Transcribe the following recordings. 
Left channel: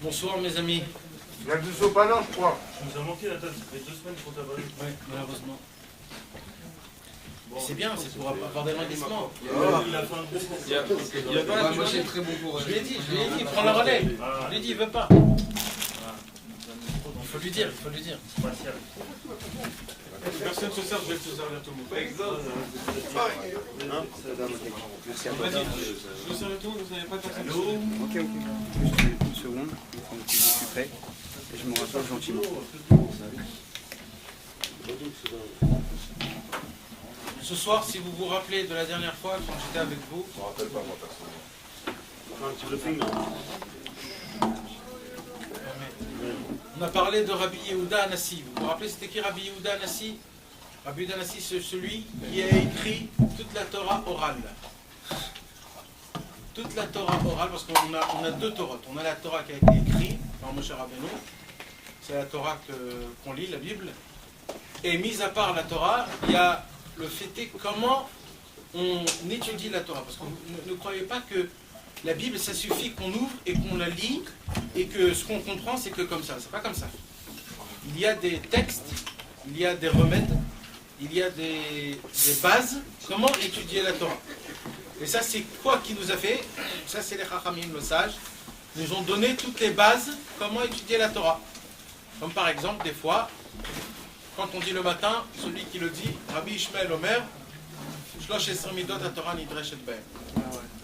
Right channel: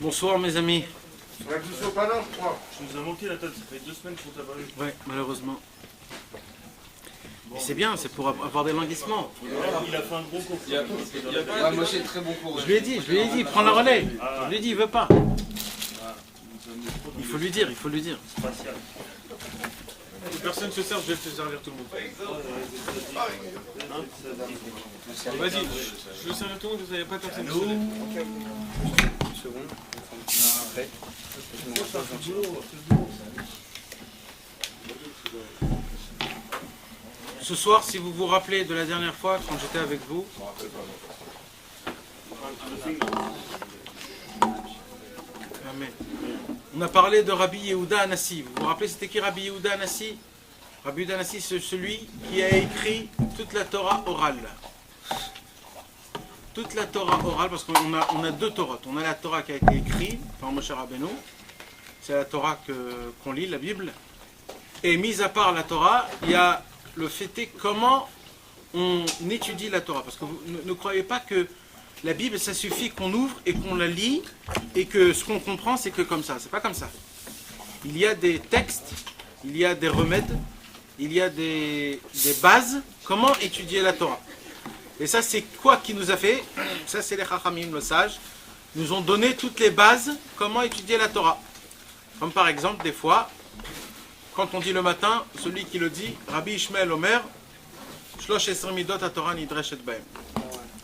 Bonsoir mes amis. Il y a du sopalin, quoi. Tu nous as manqué la tête, ça fait 2 semaines qu'on t'a pas vu. Oui, malheureusement. C'est bien, c'est pour avoir des languissements. Il a fait un bon cours. Moi j'ai très bon cours. Je lui ai dit, prends la relais. Je lui ai dit, il veut pas. Il faut lui dire. Spatial. Personne ne se sert, je vais te servir tout le monde. Vas-y, je veux servir tout le monde, vous n'avez pas personne qui se sert. Ok. Une seconde, je suis prêt. Je me rassois gentiment. Ce soir, si vous vous rappelez de la dernière fois, quand j'étais avec vous, on a parlé de Rabbi Yehuda Anassi. Vous vous rappelez, c'était qui Rabbi Yehuda Anassi? Rabbi Yehuda Anassi, c'est celui qui a écrit toute la Torah orale. Toute la Torah orale, parce qu'on a deux Torahs. On a la Torah qui a été écrite par Moshe Rabbeinu. C'est la Torah qu'on lit, la Bible. Et mis à part la Torah, il y a le fait est comment on étudie la Torah. Parce que vous ne croyez pas que la Bible, ça suffit qu'on ouvre et qu'on la lit et que ce qu'on comprend, c'est que comme ça. C'est pas comme ça. Il y a des textes, il y a des remèdes, il y a des bases. Comment étudier la Torah? Et ça, c'est quoi qui nous a fait? Ça, c'est les Chachamim, le sage, nous ont donné toutes les bases, comment étudier la Torah. Comme par exemple, des fois, quand on dit le matin, celui qui le dit, Rabbi Ishmael Omer, Shlosh Esrim Midot HaTorah Nidreshet Bahem.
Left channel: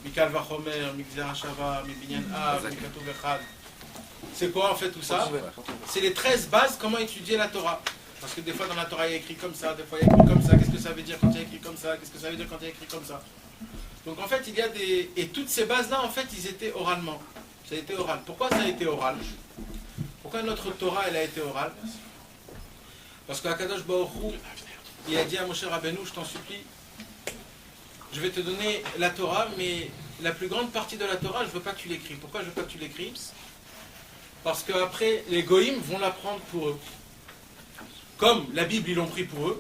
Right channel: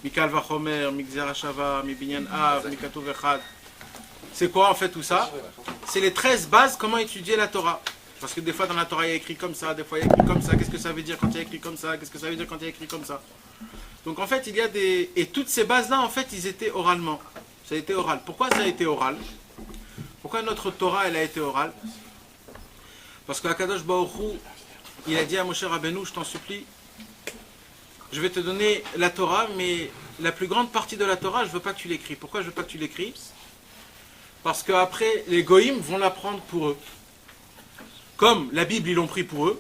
Mikal Vachomer, Migzer HaShava, Mibinyan Av, Mikatuv Echad. C'est quoi en fait tout ça? C'est les 13 bases, comment étudier la Torah. Parce que des fois dans la Torah il y a écrit comme ça, des fois il y a écrit comme ça. Qu'est-ce que ça veut dire quand il y a écrit comme ça? Qu'est-ce que ça veut dire quand il y a écrit comme ça? Donc en fait il y a des... Et toutes ces bases-là en fait ils étaient oralement. Ça a été oral. Pourquoi ça a été oral? Pourquoi notre Torah elle a été orale? Parce que Akadosh Baruch Hu, il a dit à Moshe Rabbeinu, je t'en supplie, je vais te donner la Torah, mais la plus grande partie de la Torah, je ne veux pas que tu l'écris. Pourquoi je ne veux pas que tu l'écris? Parce qu'après, les Goïms vont la prendre pour eux. Comme la Bible, ils l'ont pris pour eux.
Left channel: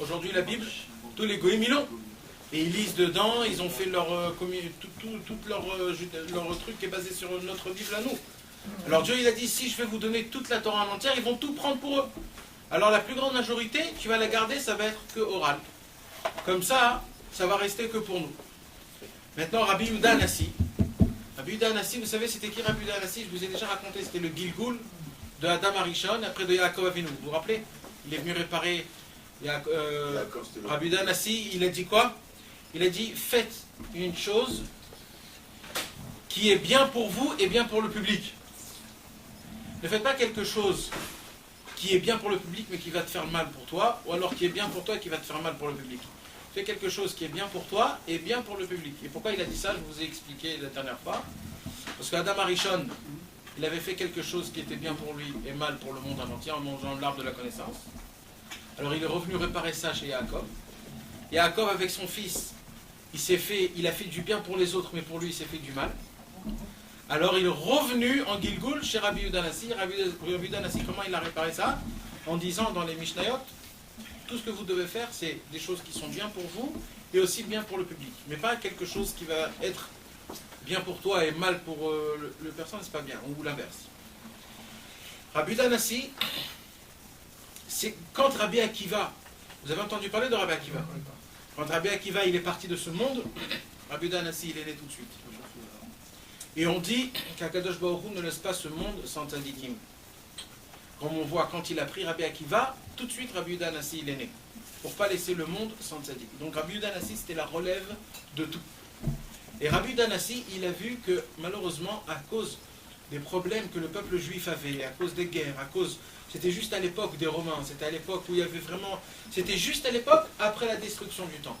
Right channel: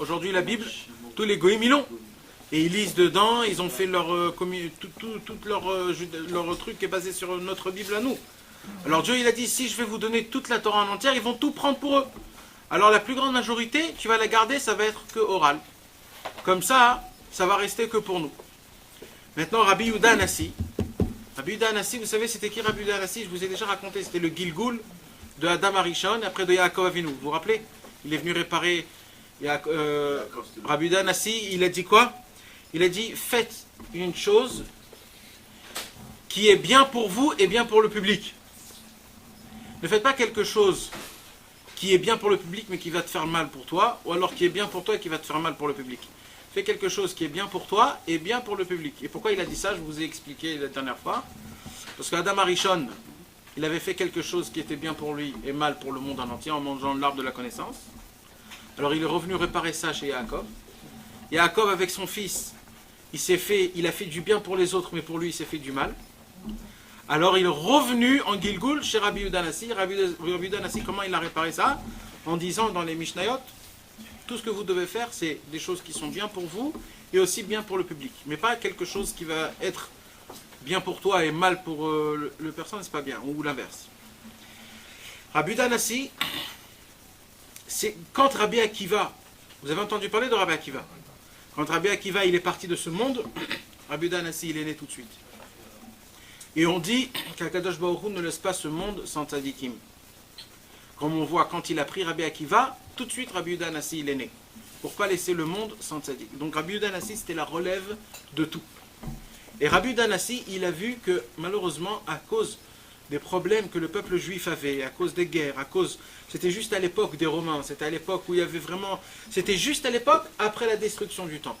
Aujourd'hui, la Bible, tous les Goïms, ils l'ont. Et ils lisent dedans, ils ont fait leur truc qui est basé sur notre Bible à nous. Alors Dieu, il a dit, si je vais vous donner toute la Torah en entière, ils vont tout prendre pour eux. Alors la plus grande majorité, tu vas la garder, ça va être que oral. Comme ça, ça va rester que pour nous. Maintenant, Rabbi Yehuda Anassi. Rabbi Yehuda Anassi, vous savez, c'était qui Rabbi Yehuda Anassi? Je vous ai déjà raconté, c'était le Gilgul de Adam Arishon, après de Yaakov Avinu. Vous vous rappelez? Il est venu réparer Rabbi Yehuda Anassi, il a dit quoi? Il a dit, faites une chose qui est bien pour vous et bien pour le public. Ne faites pas quelque chose qui est bien pour le public mais qui va te faire mal pour toi, ou alors qui est bien pour toi et qui va te faire mal pour le public. Fais quelque chose qui est bien pour toi et bien pour le public. Et pourquoi il a dit ça? Je vous ai expliqué la dernière fois. Parce qu'Adam Arishon, il avait fait quelque chose qui était bien pour lui et mal pour le monde en entier en mangeant l'arbre de la connaissance. Alors il est revenu réparer ça chez Yaakov. Yaakov avec son fils, il a fait du bien pour les autres mais pour lui il s'est fait du mal. Alors il est revenu en Gilgul chez Rabbi Yehuda Anassi. Rabbi Yehuda Anassi, comment il a réparé ça? En disant dans les Mishnayot, tout ce que vous devez faire, c'est des choses qui sont bien pour vous et aussi bien pour le public. Mais pas quelque chose qui va être bien pour toi et mal pour le personne, c'est pas bien, ou l'inverse. Rabbi Yehuda Anassi, c'est quand Rabbi Akiva, vous avez entendu parler de Rabbi Akiva? Quand Rabbi Akiva il est parti de ce monde, Rabbi Yehuda Anassi il est né tout de suite. Et on dit qu'Akadosh Baruch Hu ne laisse pas ce monde sans tzadikim. Comme on voit, quand il a pris Rabbi Akiva, tout de suite Rabbi Yehuda Anassi il est né. Pour ne pas laisser le monde sans tzadik. Donc Rabbi Yehuda Anassi c'était la relève de tout. Et Rabbi Yehuda Anassi il a vu que malheureusement à cause des problèmes que le peuple juif avait, à cause des guerres, c'était juste à l'époque des Romains, c'était à l'époque où il y avait vraiment... C'était juste à l'époque après la destruction du temple.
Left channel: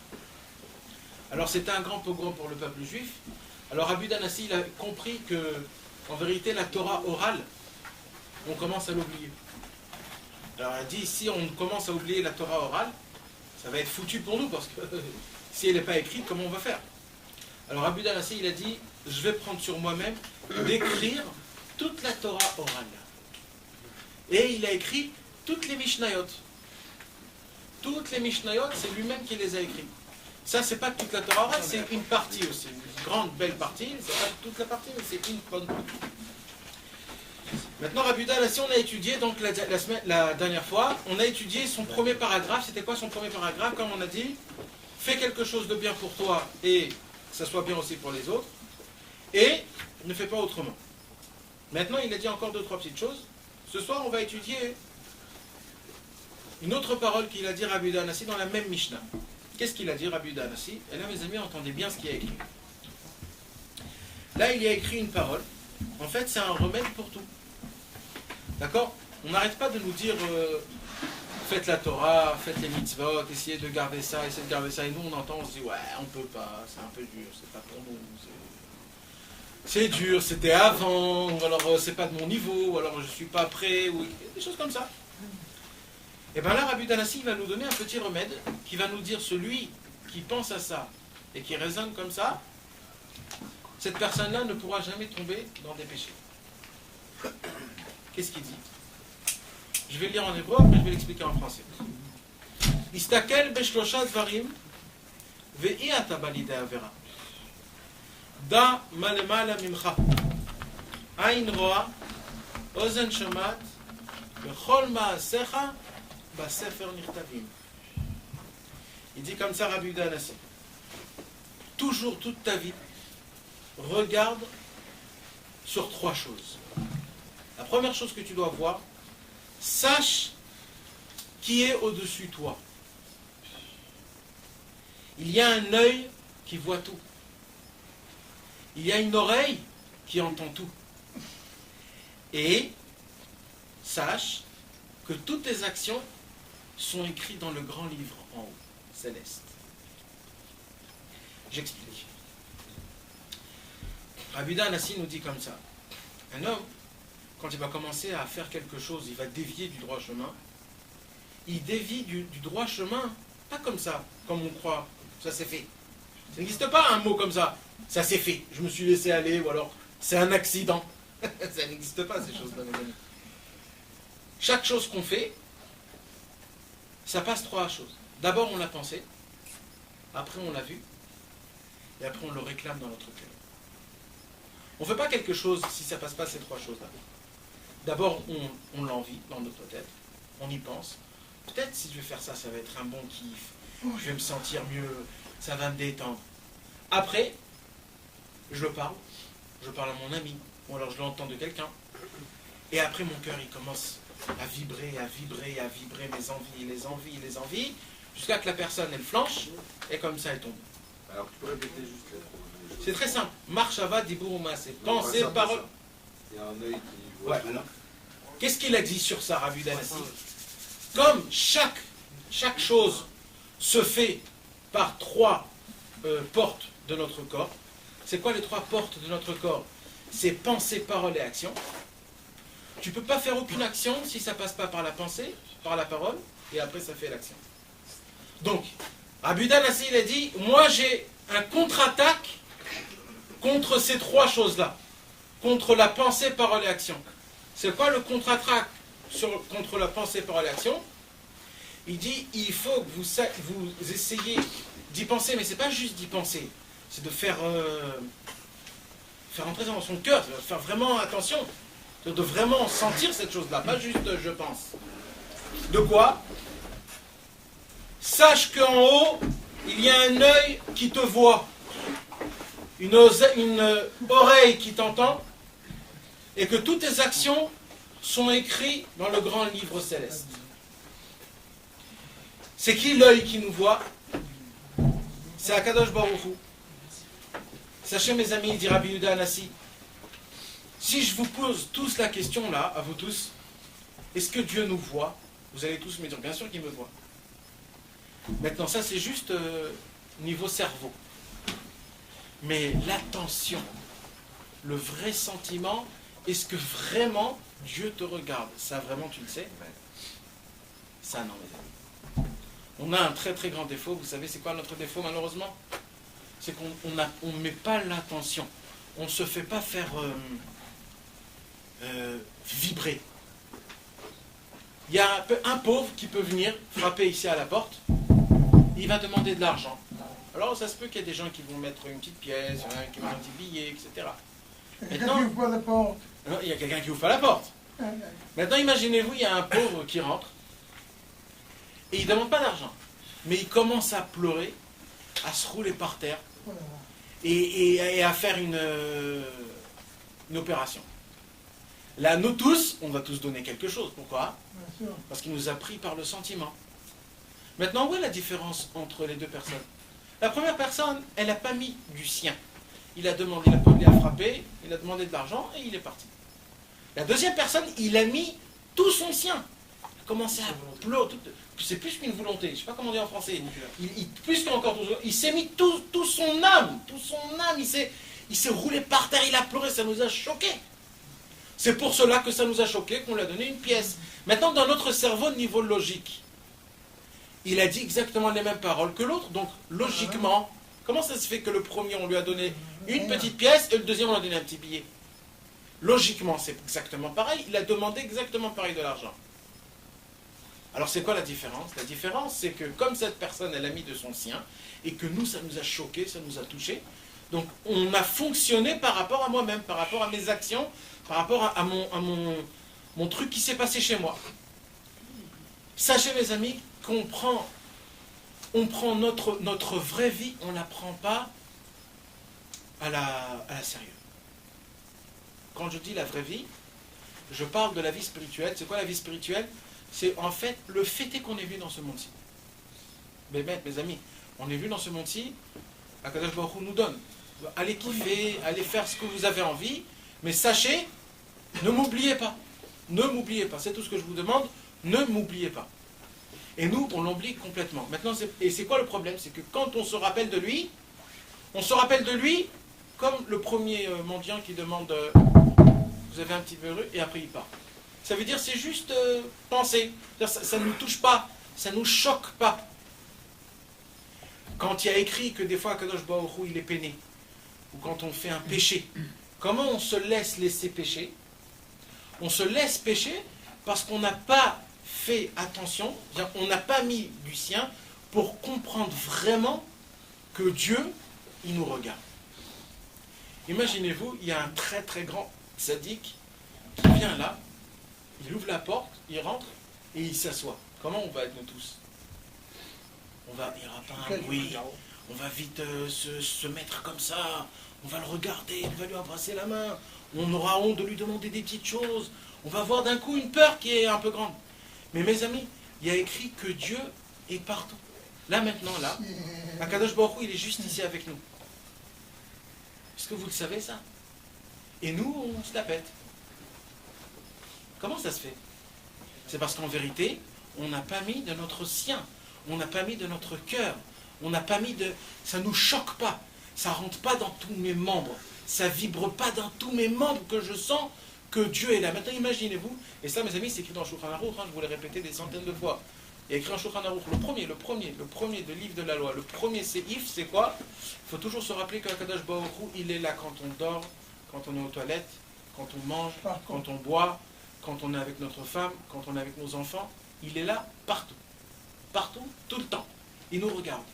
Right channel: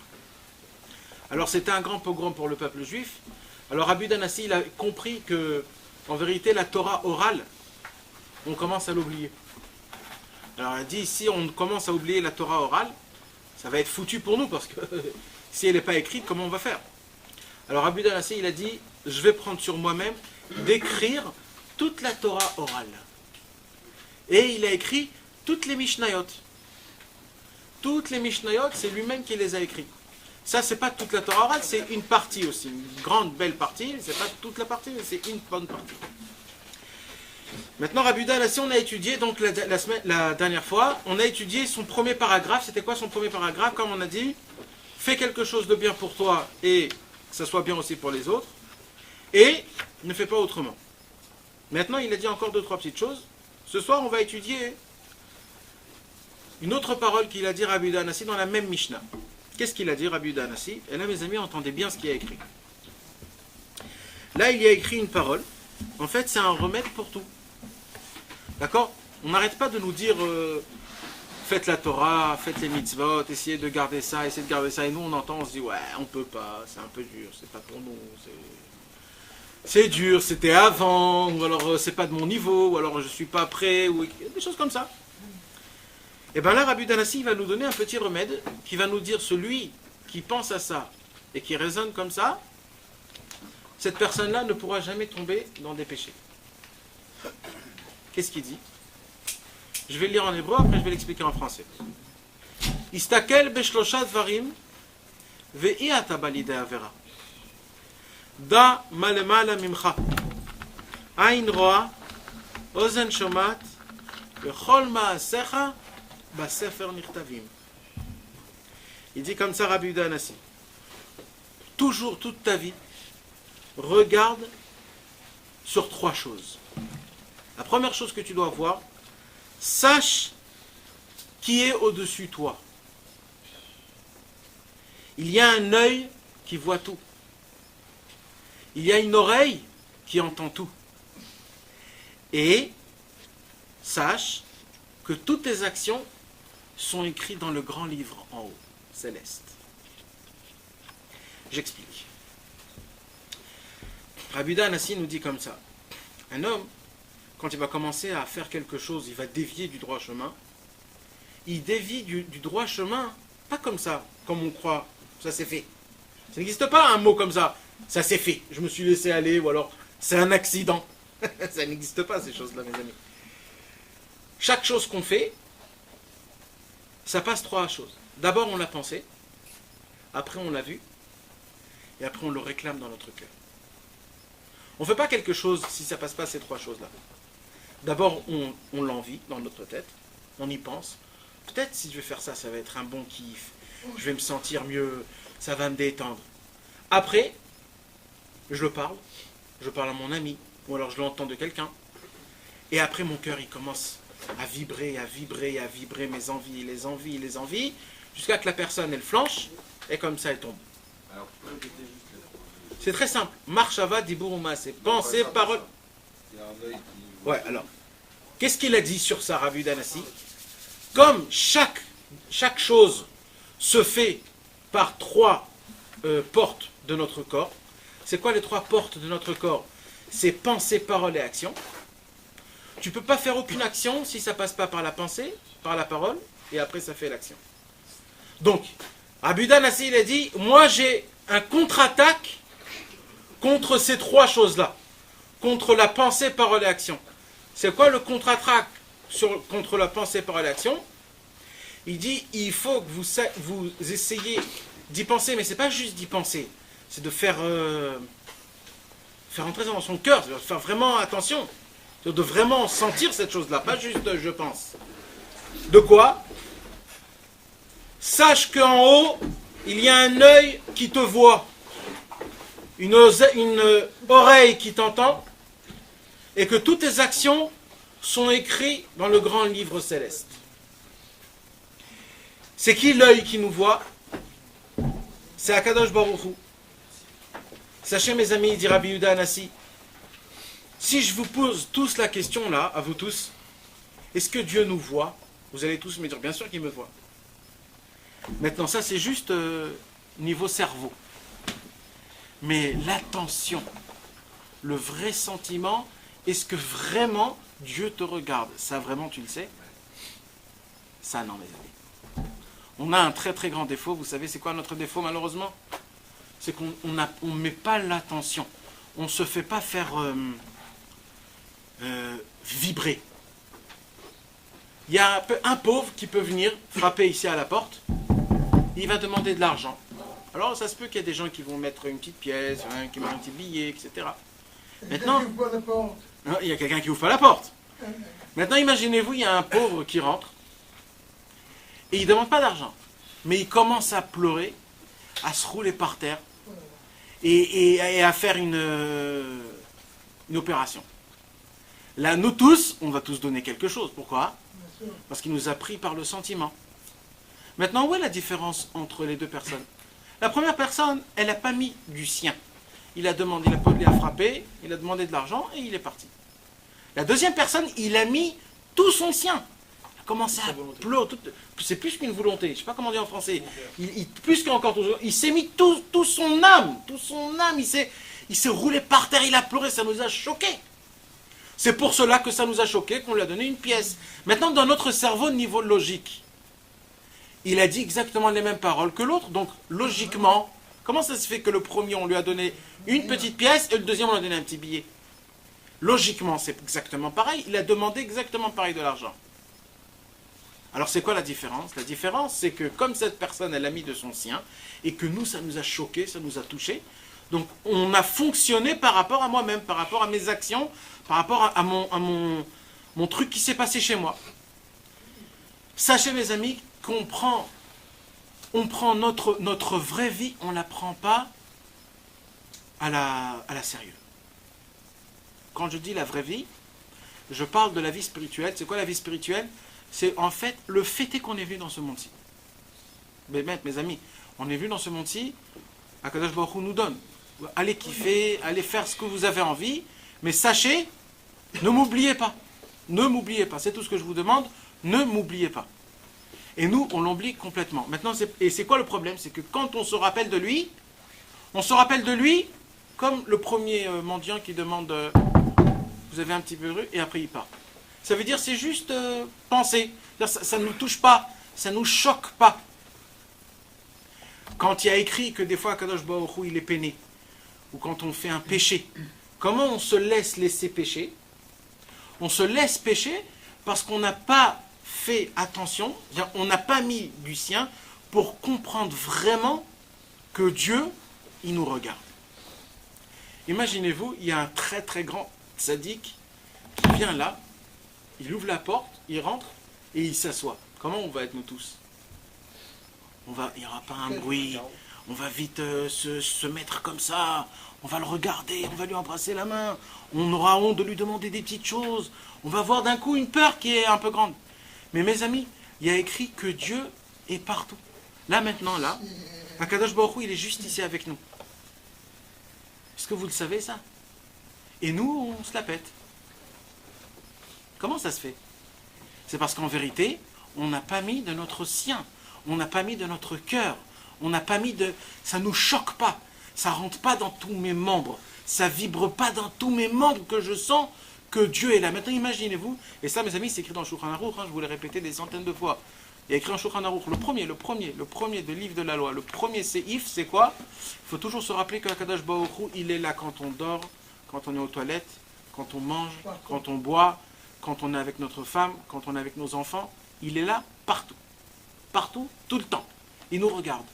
Alors c'était un grand pogrom pour le peuple juif. Alors Rabbi Yehuda Anassi il a compris que, en vérité, la Torah orale, on commence à l'oublier. Alors il a dit, si on commence à oublier la Torah orale, ça va être foutu pour nous, parce que si elle n'est pas écrite, comment on va faire? Alors Rabbi Yehuda Anassi il a dit, je vais prendre sur moi-même d'écrire toute la Torah orale. Et il a écrit toutes les Mishnayot. Toutes les Mishnayot, c'est lui-même qui les a écrites. Ça, c'est pas toute la Torah orale, c'est une partie aussi, une grande, belle partie. C'est pas toute la partie, mais c'est une bonne partie. Maintenant, Rabbi Yehuda Hanassi, on a étudié, donc la dernière fois, on a étudié son premier paragraphe. C'était quoi son premier paragraphe? Comme on a dit, fais quelque chose de bien pour toi et que ça soit bien aussi pour les autres. Et ne fais pas autrement. Maintenant, il a dit encore 2-3 petites choses. Ce soir, on va étudier une autre parole qu'il a dit Rabbi Yehuda Hanassi dans la même Mishnah. Qu'est-ce qu'il a dit Rabbi Yehuda Hanassi? Et là, mes amis, entendez bien ce qu'il a écrit. Là, il y a écrit une parole. En fait, c'est un remède pour tout. D'accord? On n'arrête pas de nous dire faites la Torah, faites les mitzvot, essayez de garder ça, essayez de garder ça. Et nous, on entend, on se dit ouais, on peut pas, c'est un peu dur, c'est pas pour nous. C'est dur, c'était avant, ou alors c'est pas de mon niveau, ou alors je suis pas prêt, ou des choses comme ça. Et bien là, Rabbi Yehuda Hanassi va nous donner un petit remède qui va nous dire celui qui pense à ça et qui raisonne comme ça, cette personne-là ne pourra jamais tomber dans des péchés. Qu'est-ce qu'il dit? Je vais le lire en hébreu, après je vais l'expliquer en français. Istakel beshlosha dvarim ve'i ata balide avera. Da malemala mimcha. Ain roa, ozen shomat, vechol ma'asecha basefer nichtavim. Il dit comme ça Rabbi Yehuda Hanassi. Toujours, toute ta vie, regarde sur 3 choses. La première chose que tu dois voir, sache qui est au-dessus de toi. Il y a un œil qui voit tout. Il y a une oreille qui entend tout. Et sache que toutes tes actions sont écrites dans le grand livre en haut, céleste. J'explique. Rabbi Yehuda Hanassi nous dit comme ça. Un homme, quand il va commencer à faire quelque chose, il va dévier du droit chemin. Il dévie du droit chemin, pas comme ça, comme on croit, ça c'est fait. Ça n'existe pas un mot comme ça, ça c'est fait, je me suis laissé aller, ou alors c'est un accident. Ça n'existe pas ces choses-là, mes amis. Chaque chose qu'on fait, ça passe 3 choses. D'abord on l'a pensé, après on l'a vu, et après on le réclame dans notre cœur. On ne fait pas quelque chose si ça ne passe pas ces 3 choses-là. D'abord, on l'envie dans notre tête, on y pense. Peut-être si je vais faire ça, ça va être un bon kiff, je vais me sentir mieux, ça va me détendre. Après, je parle à mon ami, ou alors je l'entends de quelqu'un. Et après, mon cœur, il commence à vibrer, mes envies, jusqu'à que la personne, elle flanche, et comme ça, elle tombe. Alors, tu peux répéter juste là. C'est très simple. Marshava dibouruma, c'est pensée, parole. Il y a un œil qui voit. Ouais, alors, qu'est-ce qu'il a dit sur ça, Rabbi Yehuda Hanassi? Comme chaque chose se fait par 3 portes de notre corps, c'est quoi les 3 portes de notre corps? C'est pensée, parole et action. Tu ne peux pas faire aucune action si ça ne passe pas par la pensée, par la parole, et après ça fait l'action. Donc, Rabbi Yehuda Hanassi, il a dit, moi j'ai un contre-attaque contre ces 3 choses-là. Contre la pensée, parole et action. C'est quoi le contre-attaque contre la pensée, parole et action? Il dit, il faut que vous essayiez d'y penser, mais c'est pas juste d'y penser. C'est de faire entrer dans son cœur, de faire vraiment attention. De vraiment sentir cette chose-là, pas juste je pense. De quoi? Sache qu'en haut, il y a un œil qui te voit, une oreille qui t'entend, et que toutes tes actions sont écrites dans le grand livre céleste. C'est qui l'œil qui nous voit? C'est Akadosh Baruch Hu. Sachez mes amis, dit Rabbi Yehuda Hanassi, si je vous pose tous la question là, à vous tous, est-ce que Dieu nous voit? Vous allez tous me dire, bien sûr qu'il me voit. Maintenant, ça c'est juste niveau cerveau. Mais l'attention, le vrai sentiment, est-ce que vraiment Dieu te regarde? Ça vraiment tu le sais? Ça non, mes amis. On a un très très grand défaut, vous savez c'est quoi notre défaut malheureusement? C'est qu'on ne met pas l'attention. On ne se fait pas faire vibrer. Il y a un pauvre qui peut venir frapper ici à la porte, il va demander de l'argent. Alors ça se peut qu'il y ait des gens qui vont mettre une petite pièce, qui mettent un petit billet, etc. Maintenant, il y a quelqu'un qui ouvre pas la porte. Maintenant, imaginez-vous, il y a un pauvre qui rentre et il ne demande pas d'argent. Mais il commence à pleurer, à se rouler par terre et à faire une opération. Là, nous tous, on va tous donner quelque chose. Pourquoi? Parce qu'il nous a pris par le sentiment. Maintenant, où est la différence entre les deux personnes? La première personne, elle n'a pas mis du sien. Il a demandé, il a frappé, il a demandé de l'argent et il est parti. La deuxième personne, il a mis tout son sien. Il a commencé à pleurer. C'est plus qu'une volonté. Je ne sais pas comment dire en français. Plus qu'encore tout. Il s'est mis tout son âme. Tout son âme. Il s'est roulé par terre. Il a pleuré. Ça nous a choqués. C'est pour cela que ça nous a choqués qu'on lui a donné une pièce. Maintenant, dans notre cerveau, niveau logique, il a dit exactement les mêmes paroles que l'autre. Donc, logiquement, comment ça se fait que le premier, on lui a donné une petite pièce et le deuxième, on lui a donné un petit billet? Logiquement, c'est exactement pareil. Il a demandé exactement pareil de l'argent. Alors, c'est quoi la différence? La différence, c'est que comme cette personne, elle a mis de son sien, et que nous, ça nous a choqués, ça nous a touchés, donc on a fonctionné par rapport à moi-même, par rapport à mes actions, par rapport à mon truc qui s'est passé chez moi. Sachez, mes amis, qu'on prend notre vraie vie, on ne la prend pas à la sérieux. Quand je dis la vraie vie, je parle de la vie spirituelle. C'est quoi la vie spirituelle? C'est en fait le fait est qu'on est vu dans ce monde-ci. Mais mes amis, on est vu dans ce monde-ci, Akadosh Baruch Hu nous donne. Allez kiffer, allez faire ce que vous avez envie, mais sachez, ne m'oubliez pas. Ne m'oubliez pas, c'est tout ce que je vous demande, ne m'oubliez pas. Et nous, on l'oublie complètement. Maintenant, c'est quoi le problème? C'est que quand on se rappelle de lui, comme le premier mendiant qui demande vous avez un petit peu heureux, et après il part. Ça veut dire c'est juste penser. Ça ne nous touche pas, ça ne nous choque pas. Quand il y a écrit que des fois Kadosh Baruch Hu il est peiné, ou quand on fait un péché, comment on se laisser pécher? On se laisse pécher parce qu'on n'a pas fait attention, on n'a pas mis du sien pour comprendre vraiment que Dieu, il nous regarde. Imaginez-vous, il y a un très très grand sadique qui vient là, il ouvre la porte, il rentre et il s'assoit. Comment on va être nous tous? Il n'y aura pas un bruit, on va vite se mettre comme ça, on va le regarder, on va lui embrasser la main, on aura honte de lui demander des petites choses, on va voir d'un coup une peur qui est un peu grande. Mais mes amis, il y a écrit que Dieu est partout. Là maintenant, là, Akadosh Baruch Hu, il est juste ici avec nous. Est-ce que vous le savez ça? Et nous, on se la pète. Comment ça se fait? C'est parce qu'en vérité, on n'a pas mis de notre sien, on n'a pas mis de notre cœur, on n'a pas mis de... Ça ne nous choque pas, ça ne rentre pas dans tous mes membres, ça ne vibre pas dans tous mes membres que je sens que Dieu est là. Maintenant, imaginez-vous, et ça, mes amis, c'est écrit dans le Shulchan Aruch, je vous l'ai répété des centaines de fois. Il y a écrit en Shulchan Aruch, le premier de livre de la loi, le premier séif, c'est quoi? Il faut toujours se rappeler que Akadosh Baruch Hu, il est là quand on dort, quand on est aux toilettes, quand on mange, quand on boit, quand on est avec notre femme, quand on est avec nos enfants. Il est là partout. Partout, tout le temps. Il nous regarde.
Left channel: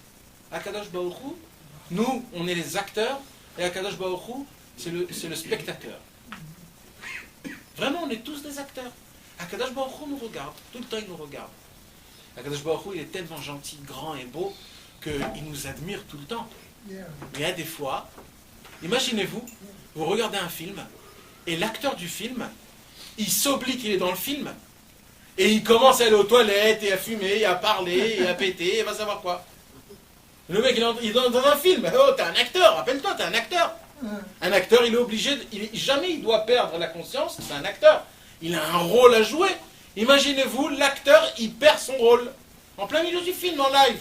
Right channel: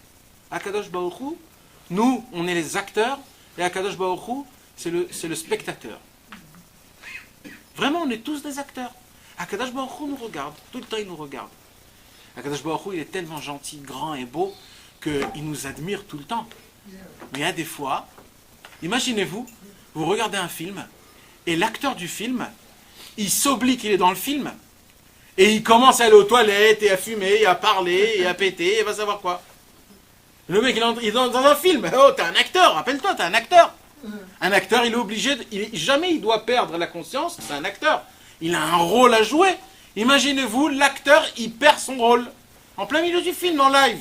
Akadosh Baruch Hu, nous, on est les acteurs, et Akadosh Baruch Hu, c'est le spectateur. Vraiment, on est tous des acteurs. Akadosh Baruch Hu nous regarde, tout le temps il nous regarde. Akadosh Baruch Hu, il est tellement gentil, grand et beau, qu'il nous admire tout le temps. Mais il y a des fois, imaginez-vous, vous regardez un film, et l'acteur du film, il s'oublie qu'il est dans le film, et il commence à aller aux toilettes, et à fumer, et à parler, et à péter, et va savoir quoi. Le mec, il est dans un film. Oh, t'es un acteur, rappelle-toi, t'es un acteur. Un acteur, il est obligé, jamais il doit perdre la conscience, c'est un acteur. Il a un rôle à jouer. Imaginez-vous, l'acteur, il perd son rôle. En plein milieu du film, en live.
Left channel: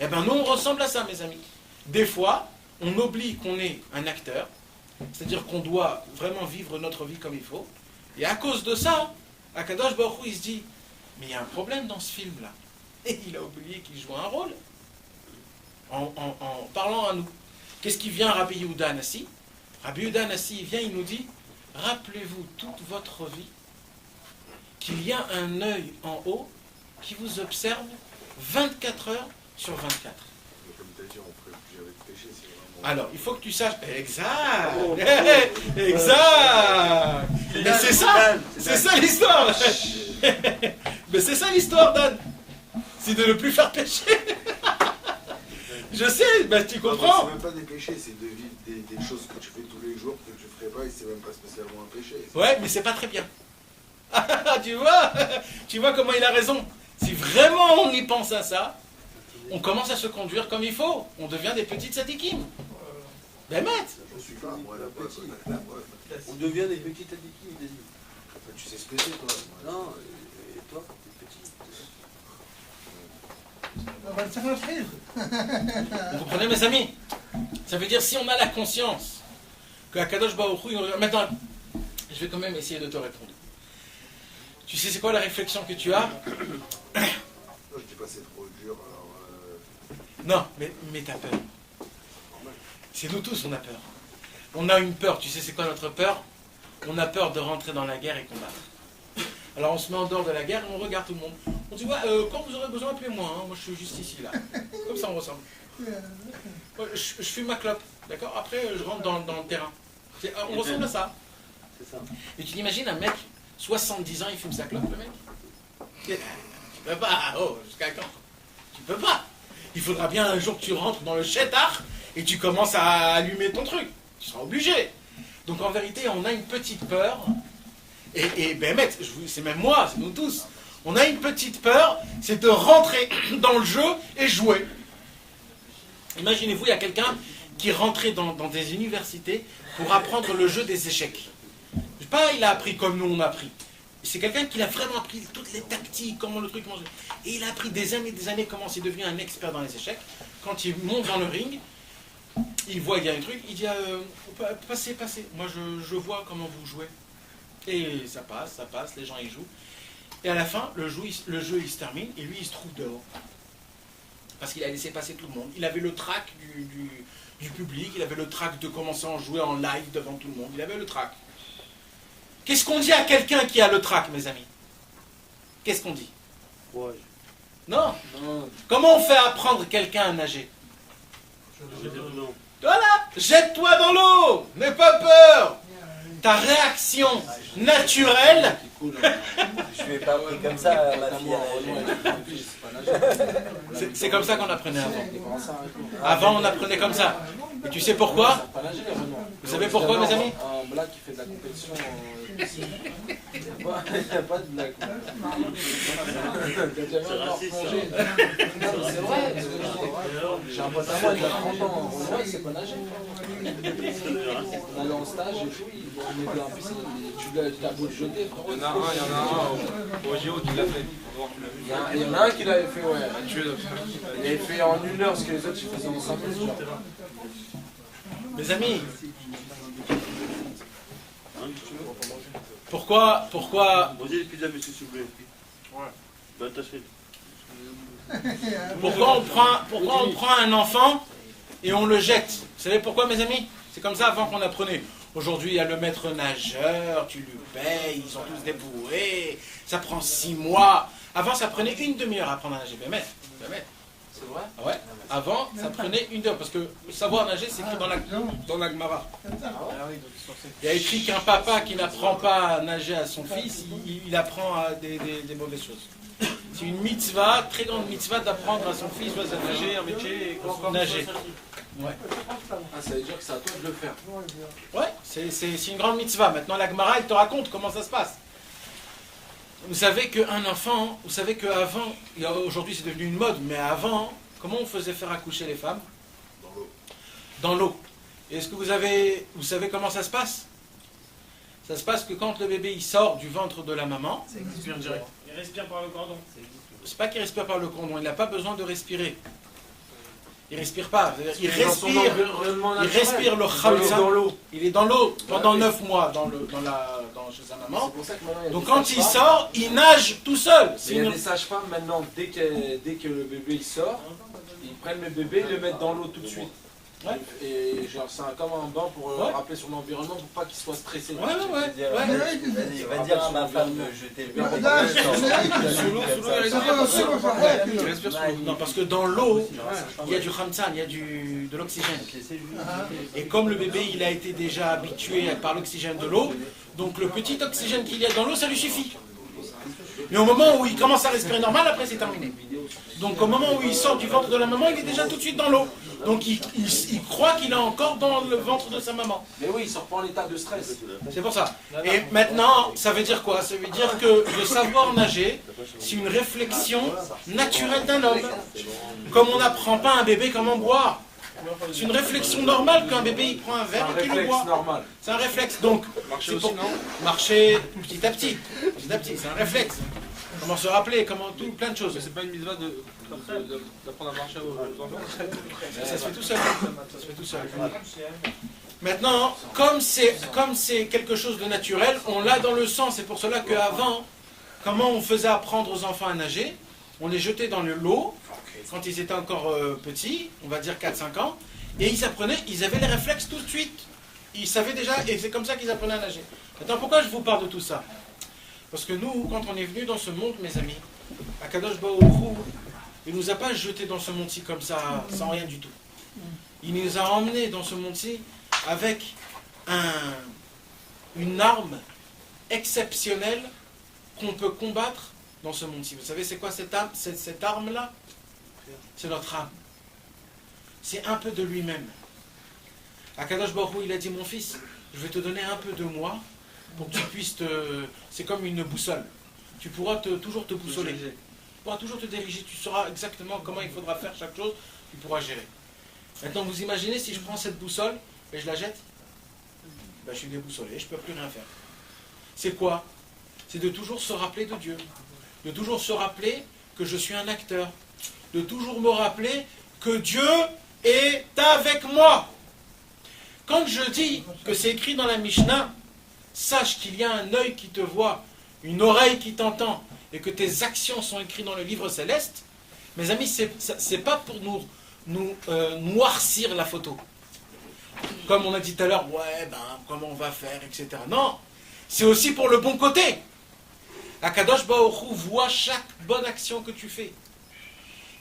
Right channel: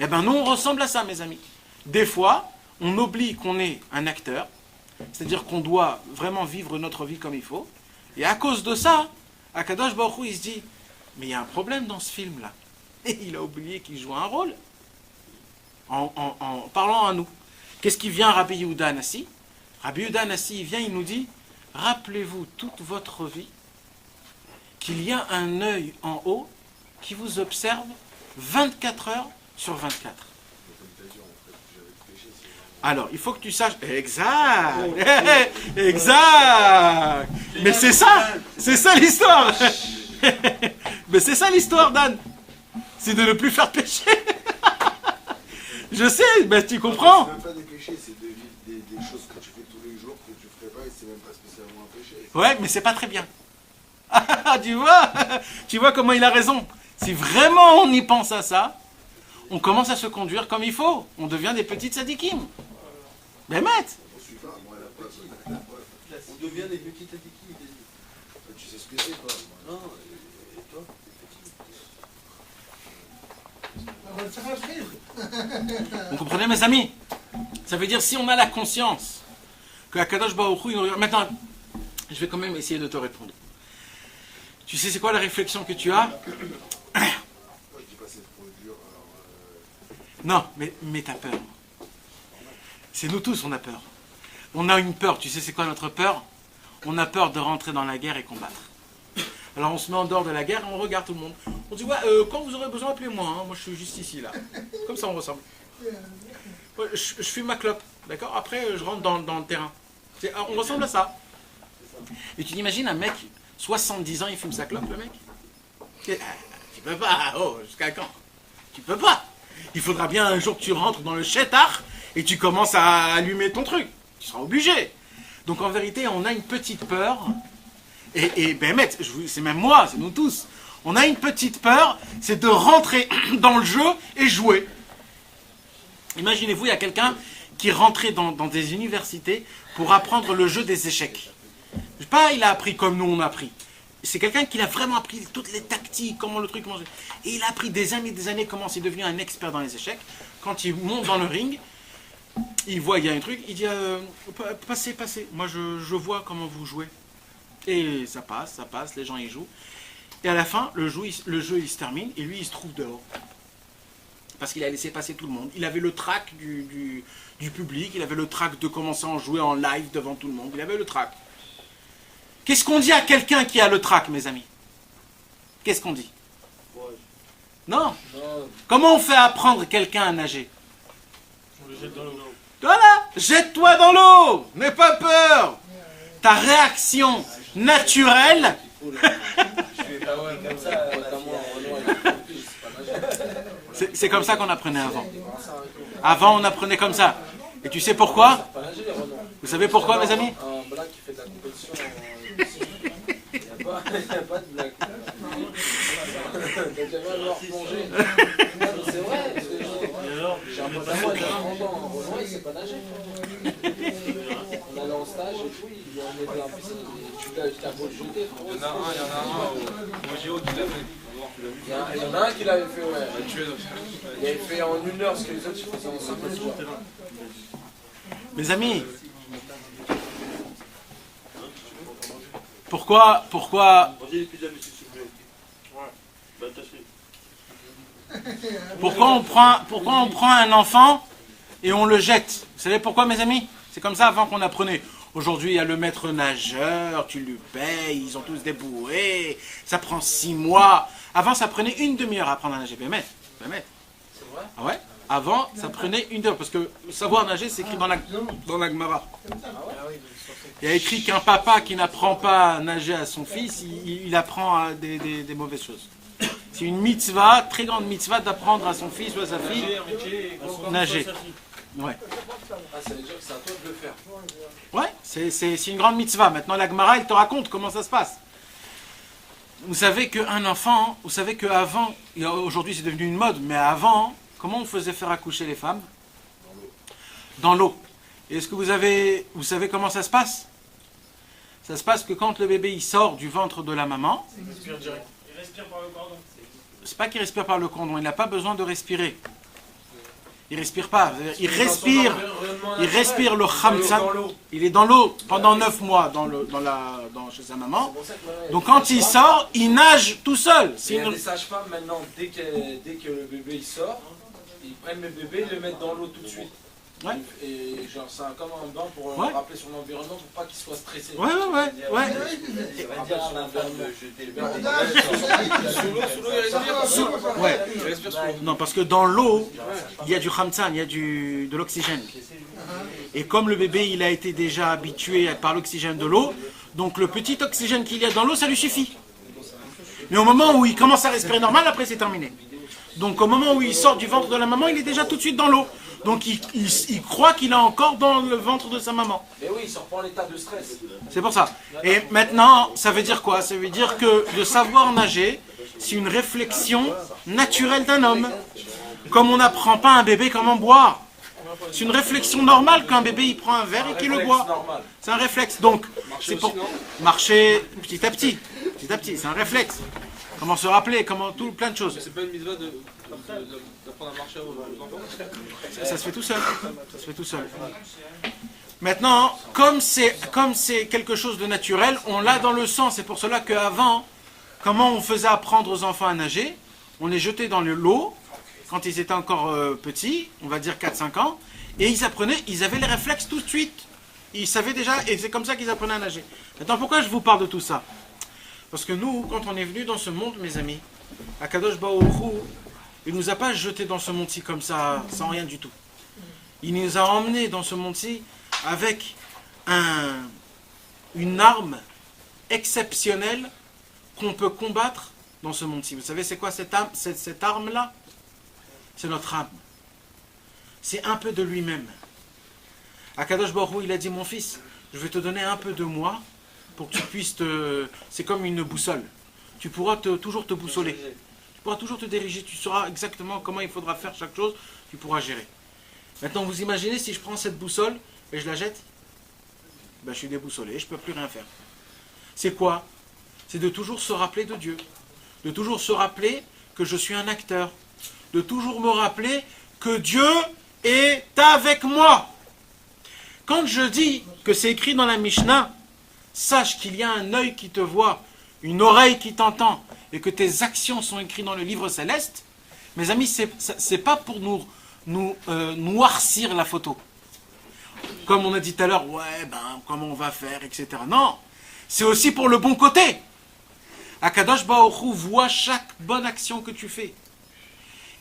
Eh bien, nous, on ressemble à ça, mes amis. Des fois, on oublie qu'on est un acteur, c'est-à-dire qu'on doit vraiment vivre notre vie comme il faut. Et à cause de ça, Akadosh Baruch Hu, il se dit, mais il y a un problème dans ce film-là. Et il a oublié qu'il joue un rôle. En parlant à nous. Qu'est-ce qui vient à Rabbi Yehuda Anassi? Rabbi Yehuda Anassi, il vient, il nous dit, rappelez-vous toute votre vie qu'il y a un œil en haut qui vous observe 24 heures sur 24. Alors, il faut que tu saches... Exact. Exact. Mais c'est ça l'histoire. Mais c'est ça l'histoire, Dan. C'est de ne plus faire pécher. Je sais, ben tu comprends. C'est même pas des péchés, c'est des choses que tu fais tous les jours que tu ferais pas et c'est même pas spécialement un péché. Ouais, mais c'est pas très bien. Tu vois comment il a raison. Si vraiment on y pense à ça, on commence à se conduire comme il faut. On devient des petites sadikim. Ben maître. Je suis pas moi la petite. On devient des petits tadikim, il a dit. Tu sais ce que c'est toi. Non, et toi, t'es petit. Vous comprenez mes amis? Ça veut dire si on a la conscience que Akadosh Baruch Hu, maintenant, je vais quand même essayer de te répondre. Tu sais c'est quoi la réflexion que tu as? Je dis pas c'est trop dur. Non, mais t'as peur. C'est nous tous, on a peur. On a une peur. Tu sais c'est quoi notre peur? On a peur de rentrer dans la guerre et combattre. Alors on se met en dehors de la guerre et on regarde tout le monde. On dit ouais, quand vous aurez besoin, appelez-moi. Hein. Moi je suis juste ici là. Comme ça on ressemble. Ouais, je fume ma clope, d'accord? Après je rentre dans le terrain. On ressemble à ça. Et tu t'imagines un mec, 70 ans, il fume sa clope, le mec? Tu peux pas. Oh, jusqu'à quand? Tu peux pas. Il faudra bien un jour que tu rentres dans le chétar et tu commences à allumer ton truc. Tu seras obligé. Donc en vérité, on a une petite peur. Et ben maître, c'est même moi, c'est nous tous. On a une petite peur, c'est de rentrer dans le jeu et jouer. Imaginez-vous, il y a quelqu'un qui rentrait dans des universités pour apprendre le jeu des échecs. Je sais pas, il a appris comme nous on a appris. C'est quelqu'un qui a vraiment appris toutes les tactiques, comment le truc mange. Et il a appris des années comment c'est devenu un expert dans les échecs. Quand il monte dans le ring, il voit il y a un truc, il dit passez. Moi je vois comment vous jouez. Et ça passe, les gens y jouent. Et à la fin, le jeu il se termine et lui il se trouve dehors. Parce qu'il a laissé passer tout le monde. Il avait le trac du public, il avait le trac de commencer à jouer en live devant tout le monde. Il avait le trac. Qu'est-ce qu'on dit à quelqu'un qui a le trac, mes amis? Qu'est-ce qu'on dit? Non. Comment on fait apprendre quelqu'un à nager? Voilà, jette-toi dans l'eau, n'aie pas peur. Ta réaction naturelle. C'est comme ça qu'on apprenait avant. Avant, on apprenait comme ça. Et tu sais pourquoi? Vous savez pourquoi, mes amis? Un blague qui fait de la compétition. Il n'y a pas de blague. C'est vrai. J'ai un pote à moi, il a 30 ans. Renoir, il sait pas nager. On allait en stage et tout, on était en piscine. Tu as beau le jeter, frérot. Il y en a un au Géo qui l'a fait. Il y en a un qui l'avait fait, ouais. Il avait fait en 1 heure ce que les autres faisaient en 5 minutes. Mes amis, pourquoi Posez les pizzas, monsieur, s'il vous plaît. Ouais. Bah, attachez. pourquoi on prend un enfant et on le jette? Vous savez pourquoi, mes amis? C'est comme ça avant qu'on apprenait. Aujourd'hui, il y a le maître nageur, tu lui payes, ils ont tous des bouées, ça prend 6 mois. Avant, ça prenait 1 demi-heure à apprendre à nager. Ben, maître. C'est vrai? Ah ouais. Avant, ça prenait 1 heure, parce que savoir nager, c'est écrit dans la Gemara. Il y a écrit qu'un papa qui n'apprend pas à nager à son fils, il apprend à des mauvaises choses. C'est une mitzvah, très grande mitzvah, d'apprendre à son fils ou à sa fille nager. Ouais. Ça veut dire que c'est à toi de le faire. Ouais, c'est une grande mitzvah. Maintenant, la Gemara, elle te raconte comment ça se passe. Vous savez qu'un enfant, vous savez qu'avant, aujourd'hui c'est devenu une mode, mais avant, comment on faisait faire accoucher les femmes? Dans l'eau. Et est-ce que vous savez comment ça se passe? Ça se passe que quand le bébé il sort du ventre de la maman, Il respire par le cordon. c'est pas qu'il respire par le cordon, il n'a pas besoin de respirer. Il respire pas, il respire le khamsa. Il est dans l'eau pendant 9 mois chez sa maman. Donc quand il sort, il nage tout seul. Il y a des sages-femmes maintenant, dès que le bébé il sort, ils prennent le bébé et le mettent dans l'eau tout de suite. Ouais. Et genre, c'est comme un bain pour Ouais. rappeler son environnement pour pas qu'il soit stressé. Ouais. Il va dire à ma femme de jeter le Ouais. Non, parce que dans l'eau, il y a du khamsan, il y a de l'oxygène. Et comme le bébé, il a été déjà habitué par l'oxygène de l'eau, donc le petit oxygène qu'il y a dans l'eau, ça lui suffit. Mais au moment où il commence à respirer normal, après c'est terminé. Donc au moment où il sort du ventre de la maman, il est déjà tout de suite dans l'eau. Donc il croit qu'il est encore dans le ventre de sa maman. Mais oui, il sort pas en état de stress. C'est pour ça. Et maintenant, ça veut dire quoi? Ça veut dire que de savoir nager, c'est une réflexion naturelle d'un homme. Comme on n'apprend pas à un bébé comment boire. C'est une réflexion normale qu'un bébé il prend un verre et qu'il le boit. C'est un réflexe. Donc, c'est pour marcher petit à petit. Petit à petit, c'est un réflexe. Comment se rappeler, plein de choses. C'est pas une mitzvah d'apprendre à marcher aux enfants. Ça se fait tout seul. Ça se fait tout seul. Maintenant, comme c'est quelque chose de naturel, on l'a dans le sang. C'est pour cela qu'avant, comment on faisait apprendre aux enfants à nager? On les jetait dans l'eau quand ils étaient encore petits, on va dire 4-5 ans, et ils apprenaient, ils avaient les réflexes tout de suite. Ils savaient déjà, et c'est comme ça qu'ils apprenaient à nager. Maintenant, pourquoi je vous parle de tout ça? Parce que nous, quand on est venu dans ce monde, mes amis, Akadosh Baruch Hu, il ne nous a pas jetés dans ce monde-ci comme ça, sans rien du tout. Il nous a emmenés dans ce monde-ci avec une arme exceptionnelle qu'on peut combattre dans ce monde-ci. Vous savez, c'est quoi cette arme-là? C'est notre âme. C'est un peu de lui-même. Akadosh Baruch Hu, il a dit, mon fils, je vais te donner un peu de moi pour que tu puisses c'est comme une boussole. Tu pourras toujours te boussoler. Tu pourras toujours te diriger. Tu sauras exactement comment il faudra faire chaque chose. Tu pourras gérer. Maintenant, vous imaginez si je prends cette boussole et je la jette? Ben, je suis déboussolé. Je ne peux plus rien faire. C'est quoi? C'est de toujours se rappeler de Dieu. De toujours se rappeler que je suis un acteur. De toujours me rappeler que Dieu est avec moi. Quand je dis que c'est écrit dans la Mishnah, sache qu'il y a un œil qui te voit, une oreille qui t'entend, et que tes actions sont écrites dans le livre céleste, mes amis, c'est pas pour nous noircir la photo. Comme on a dit tout à l'heure, ouais, comment on va faire, etc. Non, c'est aussi pour le bon côté. Akadosh Baruch Hu voit chaque bonne action que tu fais.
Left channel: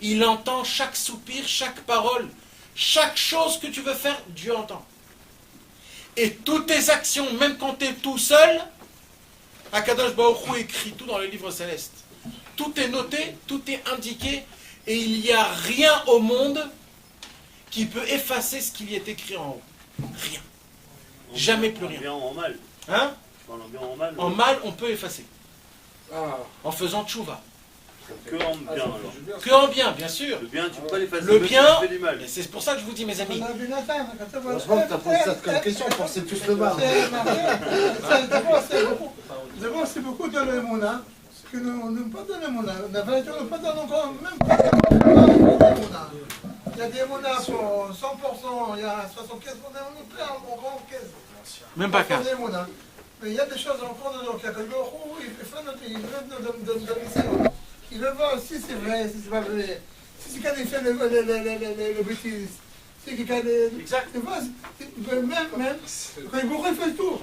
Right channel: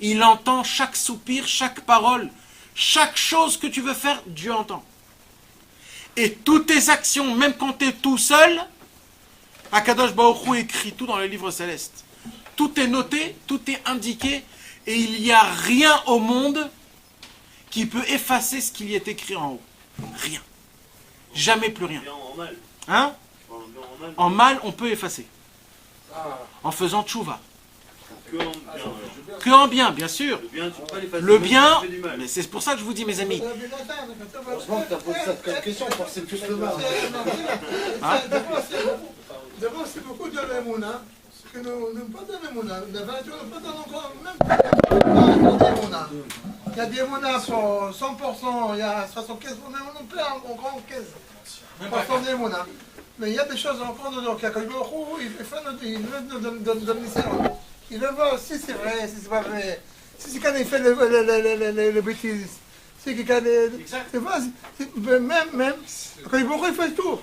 Il entend chaque soupir, chaque parole, chaque chose que tu veux faire, Dieu entend. Et toutes tes actions, même quand tu es tout seul, Akadosh Baruch Hu écrit tout dans le livre céleste. Tout est noté, tout est indiqué, et il n'y a rien au monde qui peut effacer ce qu'il y est écrit en haut. Rien. Jamais plus rien. En mal. Hein? En mal, on peut effacer. En faisant tchouva. Que en bien alors. Que en bien, bien sûr. Le bien, tu peux pas l'effacer. Le bien, Tu fais du mal. mais c'est pour ça que je vous dis, mes amis. Heureusement que tu as posé ça comme question pour c'est plus le mal. D'abord, c'est beaucoup de l'émouna. Parce que nous n'aimons pas de l'émouna. La vérité, on ne pas dans encore, même pas de l'émouna. Il y a des émounas pour 100%, il y a 75%, on peut en grand 15%. Même pas qu'un. Mais il y a des choses à prendre dans le cas. Il veut il veut voir si c'est vrai, si c'est pas vrai. Si c'est quand il fait le bêtises. Si c'est quand il... Exact. Même, quand il fait tout.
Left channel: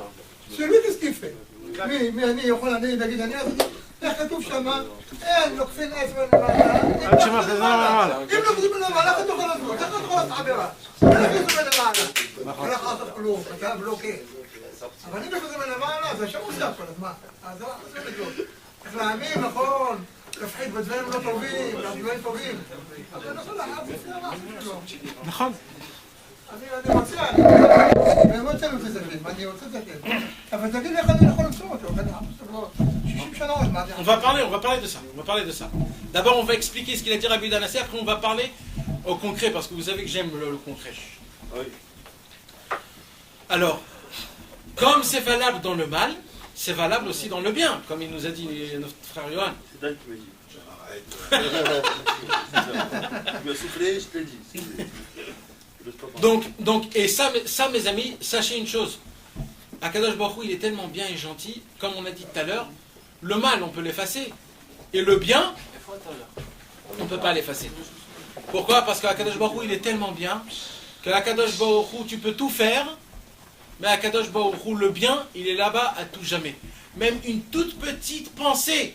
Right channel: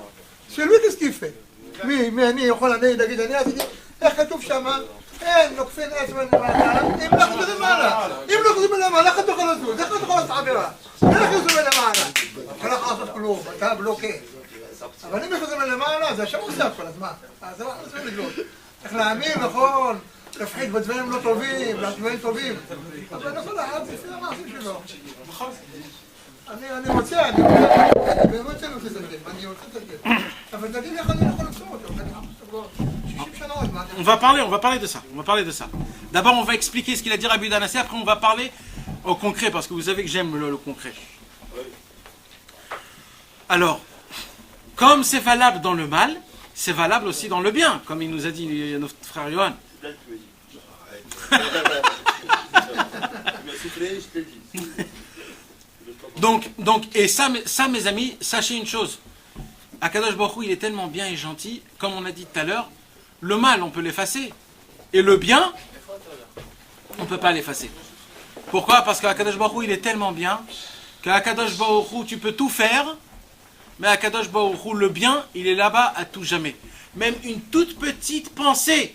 C'est lui, qu'est-ce qu'il fait? Mais אני יכול להגיד, אני עשיתי, איך כתוב שמה? אין, לוקחים אצבע למטה, אם לא חוזרים למעלה. אם לא חוזרים למעלה, איך אתה יכול לזוז? איך אתה יכול לעשות עבירה? איך חוזרים למעלה? אתה לא יכול לעשות כלום, אתה בלוקה. אבל אם חוזרים למעלה, זה השם עושה כל הזמן. אז זה לא לגלות. איך להאמין, נכון, להפחיד בדברים לא טובים, בדברים טובים. אבל נכון לאחד זה לפני המעשים שלו. נכון. אני רוצה באמת רוצה לסגל, אני רוצה לסגל. אבל תגיד לי איך אני יכול למצוא אותו, אני חפש כבר 60 שנה עוד מעט. On va parler de ça. D'abord, on va expliquer ce qu'il a dit Rabbi Danassé, après on va parler au concret, parce que vous savez que j'aime le concret. Alors, comme c'est valable dans le mal, c'est valable aussi dans le bien, comme il nous a dit notre frère Johan. C'est Dan qui m'a dit. Tu m'as soufflé, je t'ai dit. Donc, et ça, mes amis, sachez une chose. Akadosh Baruch Hu, il est tellement bien et gentil, comme on a dit tout à l'heure, le mal, on peut l'effacer. Et le bien, on ne peut pas l'effacer. Pourquoi? Parce qu'Akadosh Baruch Hu, il est tellement bien qu'à Kadosh Baruch Hu, tu peux tout faire, mais à Kadosh Baruch Hu, le bien, il est là-bas à tout jamais. Même une toute petite pensée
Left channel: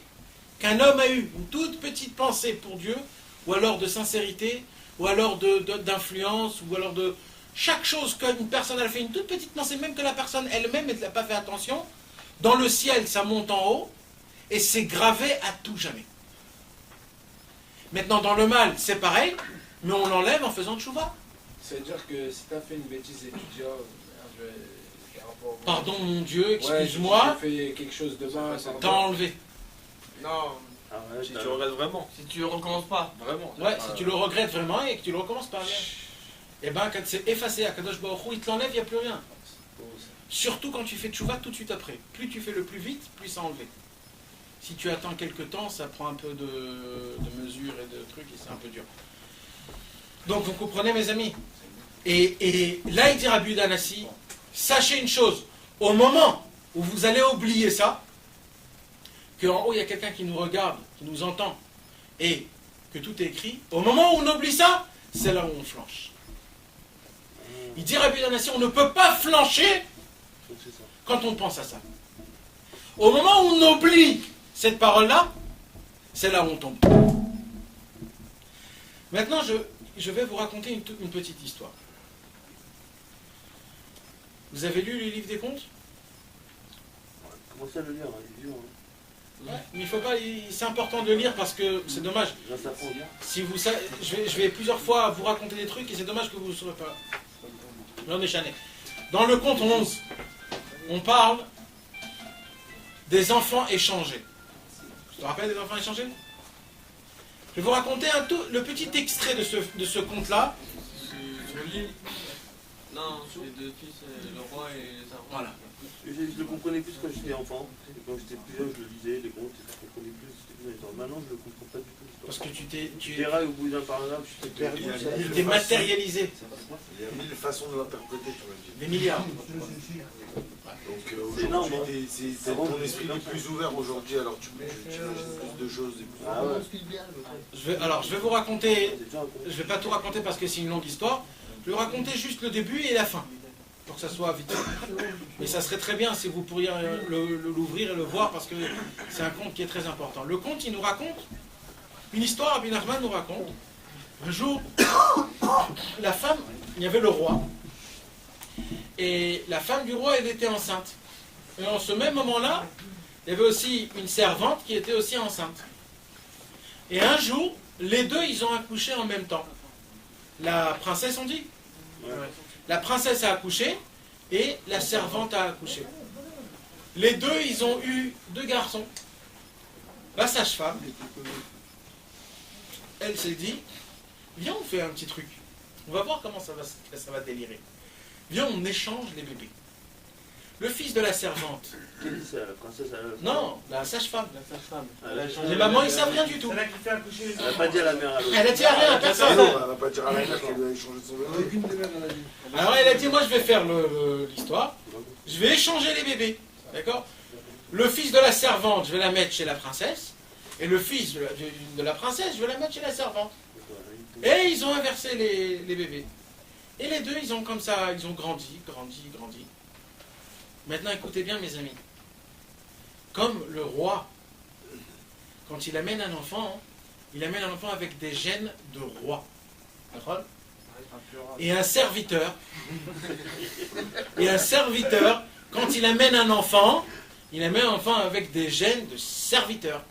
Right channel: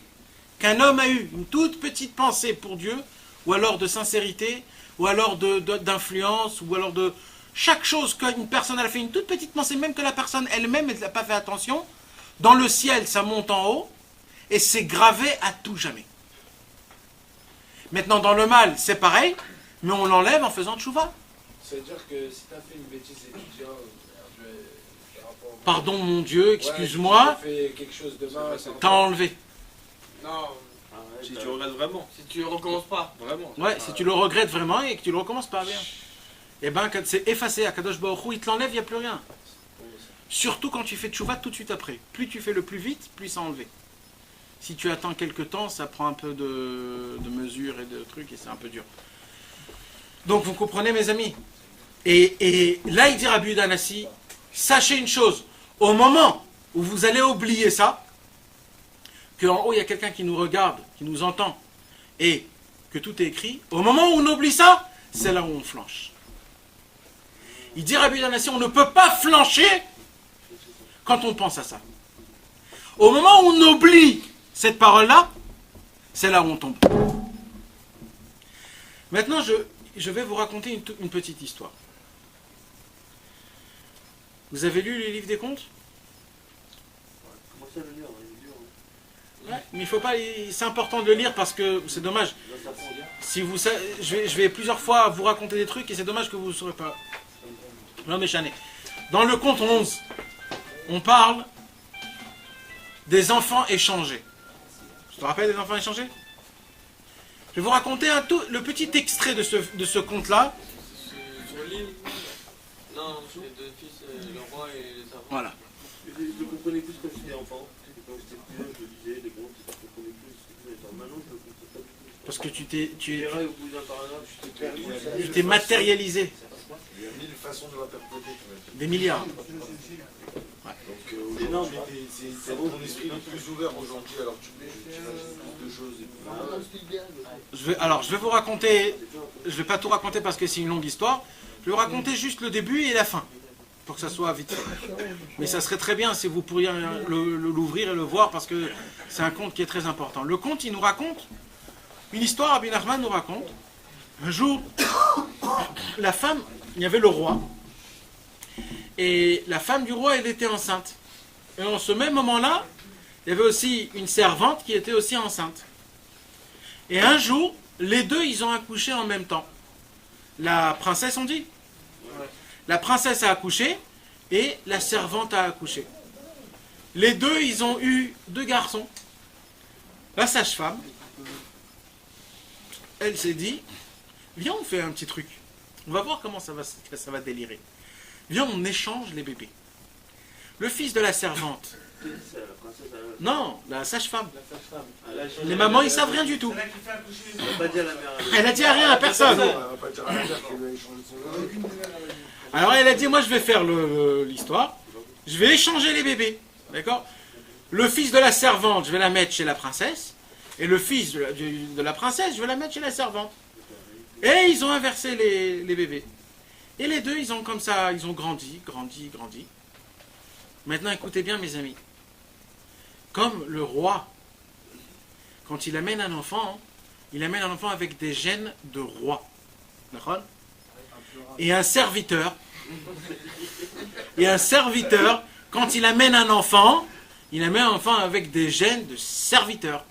qu'un homme a eue, une toute petite pensée pour Dieu, ou alors de sincérité, ou alors d'influence, ou alors de chaque chose qu'une personne a fait, une toute petite pensée, même que la personne elle-même n'a pas fait attention, dans le ciel, ça monte en haut, et c'est gravé à tout jamais. Maintenant, dans le mal, c'est pareil, mais on l'enlève en faisant tchouva. C'est-à-dire que si tu as fait une bêtise étudiant, pardon mon Dieu, excuse-moi, tu fais quelque chose de mal, t'as enlevé. Non. Si tu regrettes vraiment. Si tu recommences pas. Vraiment. Ouais, si tu le regrettes vraiment et que tu le recommences pas bien. Et ben, quand c'est effacé à Kadosh Baruch Hu, il te l'enlève, il n'y a plus rien. Surtout quand tu fais tchouva tout de suite après. Plus tu fais le plus vite, plus c'est enlevé. Si tu attends quelques temps, ça prend un peu de mesure et de trucs et c'est un peu dur. Donc vous comprenez mes amis. Et là il dit Rabbi Yehuda Hanassi, sachez une chose, au moment où vous allez oublier ça, qu'en haut il y a quelqu'un qui nous regarde, qui nous entend, et que tout est écrit, au moment où on oublie ça, c'est là où on flanche. Il dit Rabbi Yehuda Hanassi, on ne peut pas flancher quand on pense à ça. Au moment où on oublie cette parole-là, c'est là où on tombe. Maintenant, je vais vous raconter une petite histoire. Vous avez lu les livres des contes? Commencez à le lire, Ouais, mais il faut pas. C'est important de le lire parce que c'est dommage. Si vous, je vais plusieurs fois vous raconter des trucs et c'est dommage que vous ne saurez pas. J'en ai chané. Dans le conte 11, on parle des enfants échangés. Tu te rappelles des enfants échangés? Je vais vous raconter le petit extrait de ce conte-là. Sur l'île. Non, les deux fils, le roi et les enfants. Voilà. Je le comprenais plus quand j'étais enfant. Quand j'étais plus jeune, je le lisais, les contes, je le comprenais plus. Maintenant, je ne le comprends pas du tout. Parce que Tu verras au bout d'un paragraphe, je t'ai perdu. il t'est matérialisé. Il y a mille façons de l'interpréter, tu m'as dit. Des milliards. Donc aujourd'hui, c'est ton esprit est plus ouvert aujourd'hui, alors tu rajoutes plus de choses. Je vais vous raconter, je vais pas tout raconter parce que c'est une longue histoire, je vais vous raconter juste le début et la fin, pour que ça soit vite. Mais ça serait très bien si vous pourriez l'ouvrir et le voir parce que c'est un conte qui est très important. Le conte, il nous raconte une histoire, Rabbi Nachman nous raconte, un jour, la femme, il y avait le roi, et la femme du roi, elle était enceinte. Et en ce même moment-là, il y avait aussi une servante qui était aussi enceinte. Et un jour, les deux, ils ont accouché en même temps. La princesse, on dit? Ouais. La princesse a accouché et la servante a accouché. Les deux, ils ont eu 2 garçons. La sage-femme, elle s'est dit, viens, on fait un petit truc. On va voir comment ça va délirer. Viens, on échange les bébés. Le fils de la servante. Qui dit ça, la princesse? Non, la sage-femme. Les mamans, ils savent rien du tout. Elle n'a pas dit à la mère. Elle a dit à rien à personne. Elle va pas dire à la mère qu'elle a échangé son nom. Alors elle a dit, moi je vais faire l'histoire. Je vais échanger les bébés. D'accord? Le fils de la servante, je vais la mettre chez la princesse. Et le fils de la princesse, je vais la mettre chez la servante. Et ils ont inversé les bébés. Et les deux, ils ont comme ça, ils ont grandi. Maintenant, écoutez bien, mes amis. Comme le roi, quand il amène un enfant, il amène un enfant avec des gènes de roi. D'accord? Et un serviteur, quand il amène un enfant, il amène un enfant avec des gènes de serviteur.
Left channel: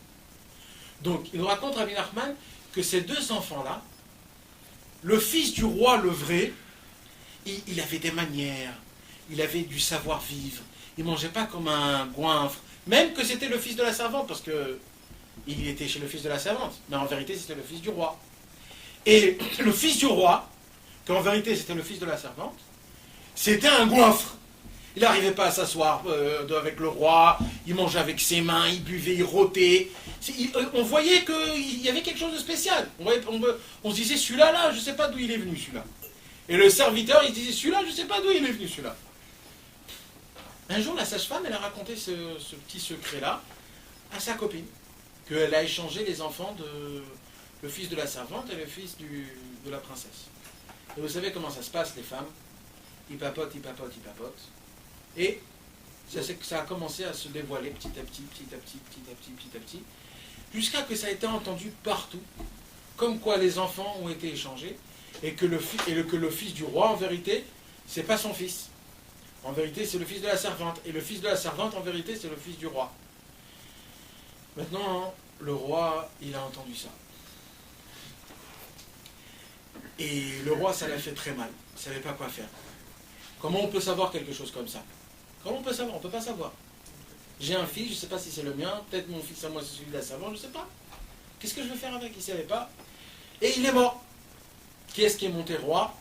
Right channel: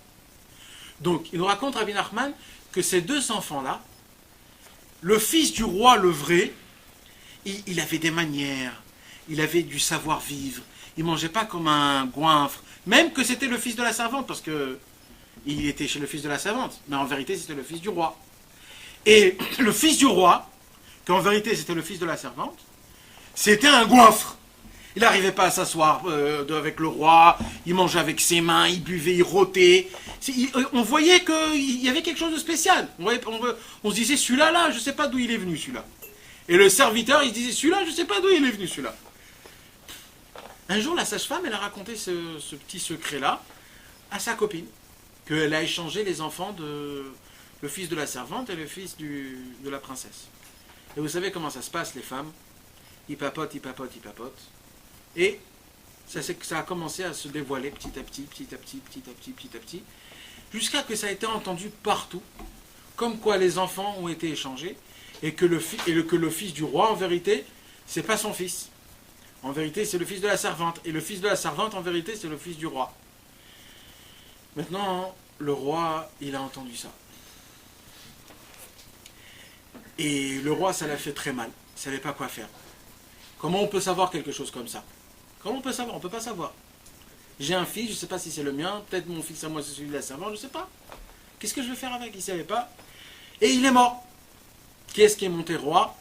Donc, il nous raconte, Rabbi Nachman, que ces 2 enfants-là, le fils du roi, le vrai, il avait des manières, il avait du savoir-vivre, il ne mangeait pas comme un goinfre, même que c'était le fils de la servante, parce que il était chez le fils de la servante, mais en vérité c'était le fils du roi. Et le fils du roi, qu'en vérité c'était le fils de la servante, c'était un goinfre. Il n'arrivait pas à s'asseoir avec le roi, il mangeait avec ses mains, il buvait, il rôtait. On voyait qu'il y avait quelque chose de spécial. On se disait, celui-là, là, je ne sais pas d'où il est venu, celui-là. Et le serviteur, il disait, celui-là, je ne sais pas d'où il est venu, celui-là. Un jour, la sage-femme, elle a raconté ce petit secret-là à sa copine, qu'elle a échangé les enfants le fils de la servante et le fils de la princesse. Et vous savez comment ça se passe, les femmes? Ils papotent. Et ça a commencé à se dévoiler petit à petit, jusqu'à que ça a été entendu partout, comme quoi les enfants ont été échangés, et que le fils du roi, en vérité, c'est pas son fils. En vérité, c'est le fils de la servante. Et le fils de la servante, en vérité, c'est le fils du roi. Maintenant, le roi, il a entendu ça. Et le roi, ça l'a fait très mal. Il ne savait pas quoi faire. Comment on peut savoir quelque chose comme ça? Comment on peut savoir? On ne peut pas savoir. J'ai un fils, je ne sais pas si c'est le mien. Peut-être mon fils à moi, c'est celui de la servante, je ne sais pas. Qu'est-ce que je vais faire avec? Il ne savait pas. Et il est mort. Qui est-ce qui est monté roi?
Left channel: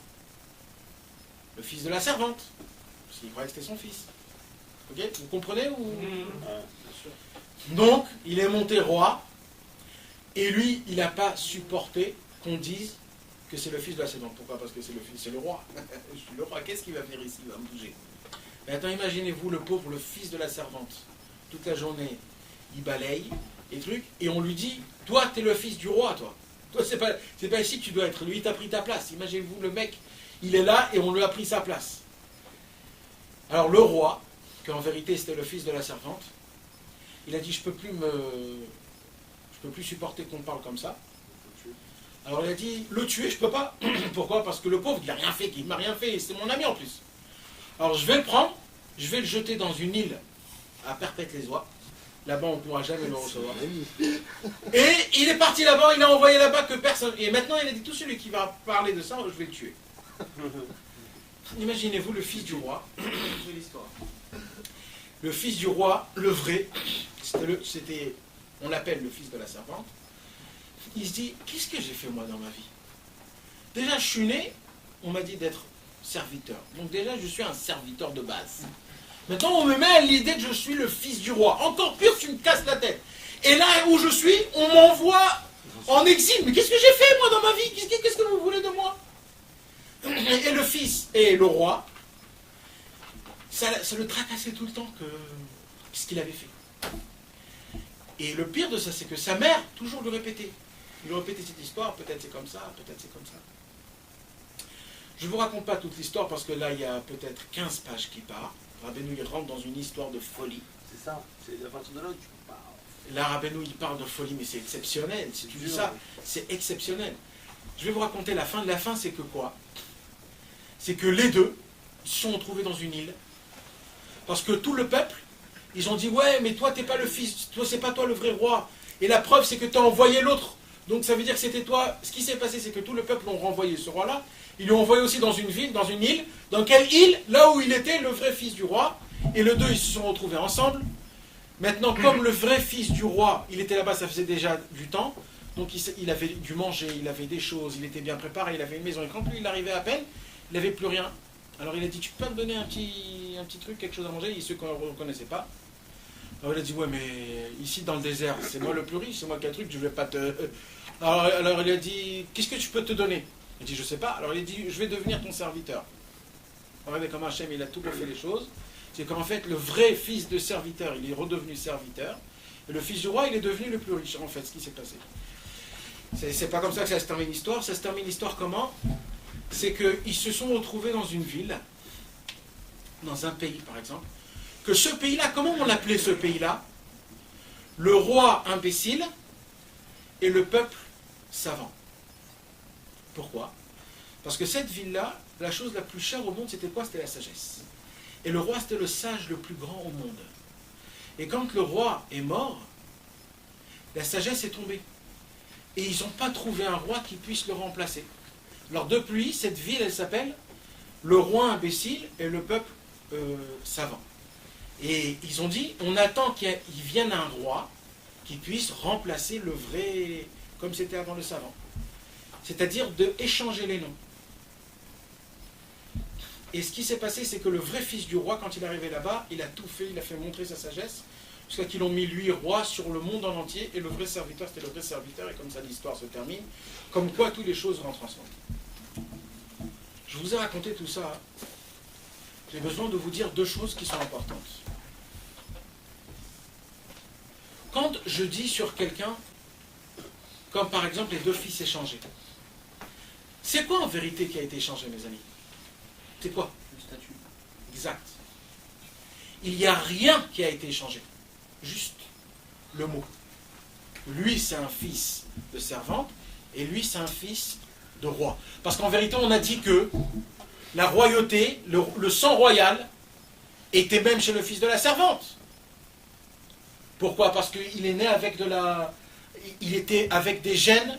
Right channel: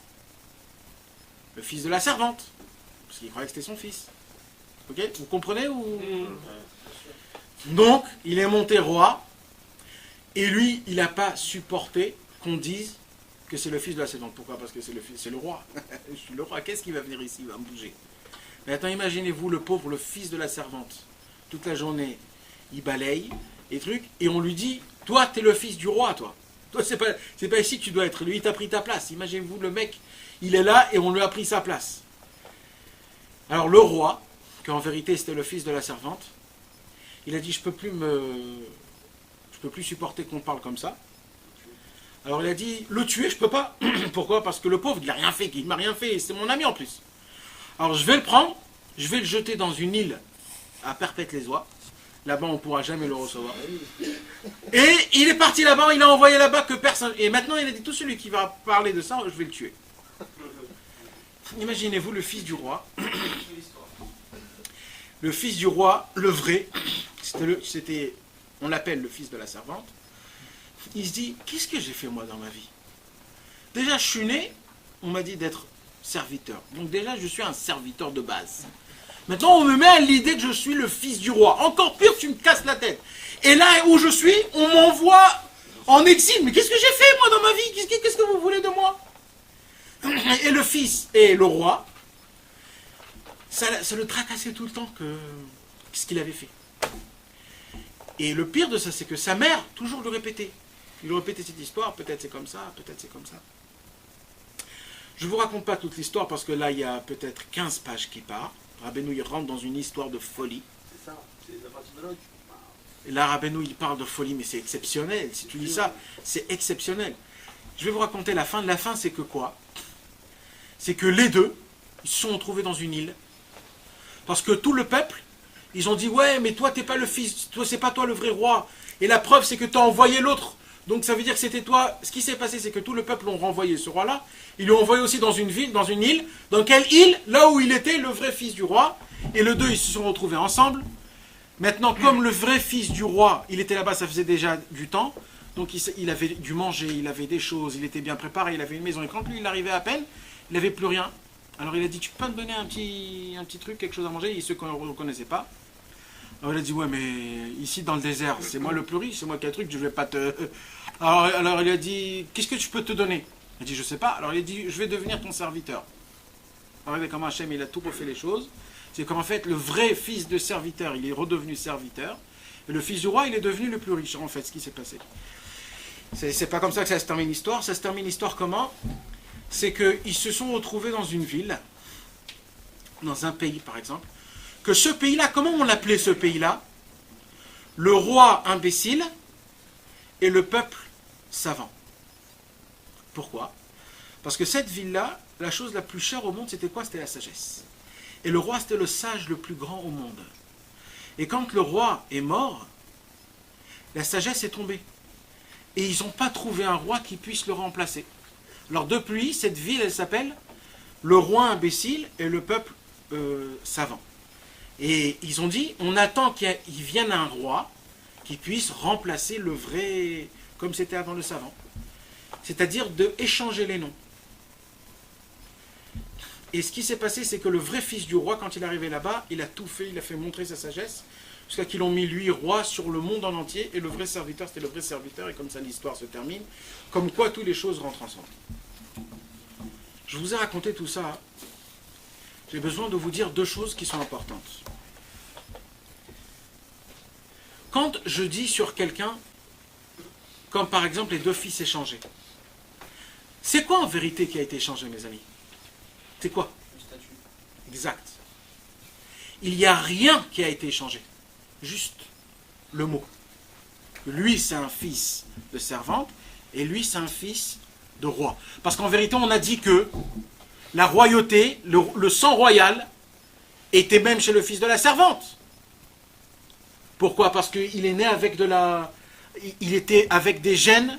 Le fils de la servante. Parce qu'il croyait que c'était son fils. Ok? Vous comprenez ou... Donc, il est monté roi. Et lui, il n'a pas supporté qu'on dise que c'est le fils de la servante. Pourquoi? Parce que c'est le roi. Je suis le roi. Qu'est-ce qu'il va venir ici? Il va me bouger. Mais attends, imaginez-vous le pauvre, le fils de la servante. Toute la journée, il balaye et trucs. Et on lui dit, toi, t'es le fils du roi, toi. Toi, c'est pas ici que tu dois être. Lui, il t'a pris ta place. Imaginez-vous, le mec, il est là et on lui a pris sa place. Alors le roi, qu'en vérité c'était le fils de la servante, il a dit, je peux plus supporter qu'on parle comme ça. Alors il a dit, le tuer, je peux pas. Pourquoi? Parce que le pauvre, il n'a rien fait, il m'a rien fait, c'est mon ami en plus. Alors je vais le prendre, je vais le jeter dans une île à Perpète-les-Oies. Là-bas, on ne pourra jamais le recevoir. Et il est parti là-bas, il a envoyé là-bas que personne. Et maintenant, il a dit, tout celui qui va parler de ça, je vais le tuer. Imaginez-vous le fils du roi. Le fils du roi, le vrai, on l'appelle le fils de la servante. Il se dit, qu'est-ce que j'ai fait moi dans ma vie? Déjà, je suis né, on m'a dit d'être serviteur. Donc déjà, je suis un serviteur de base. Maintenant, on me met à l'idée que je suis le fils du roi. Encore pire, tu me casses la tête. Et là où je suis, on m'envoie en exil. Mais qu'est-ce que j'ai fait moi dans ma vie? Qu'est-ce que vous voulez de moi? Et le fils et le roi, ça le tracassait tout le temps ce qu'il avait fait. Et le pire de ça, c'est que sa mère toujours le répétait. Il lui répétait cette histoire, peut-être c'est comme ça, peut-être c'est comme ça. Je ne vous raconte pas toute l'histoire parce que là, il y a peut-être 15 pages qui partent. Rabbeinu, il rentre dans une histoire de folie. C'est ça, c'est à partir de là où tu parles. Et là, Rabbeinu, il parle de folie, mais c'est exceptionnel. Si tu dis ça, c'est exceptionnel. Je vais vous raconter la fin. La fin, c'est que quoi? C'est que les deux, ils se sont retrouvés dans une île. Parce que tout le peuple, ils ont dit, ouais, mais toi, t'es pas le fils, toi, c'est pas toi le vrai roi. Et la preuve, c'est que tu as envoyé l'autre. Donc ça veut dire que c'était toi. Ce qui s'est passé, c'est que tout le peuple l'ont renvoyé, ce roi-là. Ils l'ont envoyé aussi dans une ville, dans une île. Dans quelle île? Là où il était le vrai fils du roi. Et les deux, ils se sont retrouvés ensemble. Maintenant, comme le vrai fils du roi, il était là-bas, ça faisait déjà du temps. Donc il avait dû manger, il avait des choses, il était bien préparé, il avait une maison. Et quand lui, il arrivait à peine, il n'avait plus rien. Alors il a dit, tu peux pas me donner un petit truc, quelque chose à manger? Et ceux qu'on ne reconnaissait pas. Alors il a dit, ouais, mais ici dans le désert, c'est moi le plus riche, c'est moi qui ai un truc, je vais pas te... Alors il a dit, qu'est-ce que je peux te donner? Il a dit, je sais pas. Alors il a dit, je vais devenir ton serviteur. Regardez comment Hachem, il a tout refait les choses. C'est qu'en fait, le vrai fils de serviteur, il est redevenu serviteur. Et le fils du roi, il est devenu le plus riche, en fait, ce qui s'est passé. C'est pas comme ça que ça se termine l'histoire. Ça se termine l'histoire comment? C'est qu'ils se sont retrouvés dans une ville, dans un pays par exemple, que ce pays-là, comment on l'appelait ce pays-là? Le roi imbécile et le peuple savant. Pourquoi? Parce que cette ville-là, la chose la plus chère au monde, c'était quoi? C'était la sagesse. Et le roi, c'était le sage le plus grand au monde. Et quand le roi est mort, la sagesse est tombée. Et ils n'ont pas trouvé un roi qui puisse le remplacer. Alors depuis, cette ville, elle s'appelle le roi imbécile et le peuple savant. Et ils ont dit, on attend qu'il vienne un roi qui puisse remplacer le vrai, comme c'était avant le savant. C'est-à-dire d'échanger les noms. Et ce qui s'est passé, c'est que le vrai fils du roi, quand il est arrivé là-bas, il a tout fait, il a fait montrer sa sagesse, jusqu'à qu'ils l'ont mis lui roi sur le monde en entier, et le vrai serviteur, c'était le vrai serviteur, et comme ça l'histoire se termine, comme quoi toutes les choses rentrent ensemble. Je vous ai raconté tout ça. J'ai besoin de vous dire deux choses qui sont importantes. Quand je dis sur quelqu'un, comme par exemple les deux fils échangés, C'est quoi en vérité qui a été changé, mes amis? C'est quoi? Le statut. Exact. Il n'y a rien qui a été changé. Juste le mot. Lui, c'est un fils de servante, et lui, c'est un fils de roi. Parce qu'en vérité, on a dit que la royauté, le sang royal, était même chez le fils de la servante. Pourquoi? Parce qu'il est né avec il était avec des gènes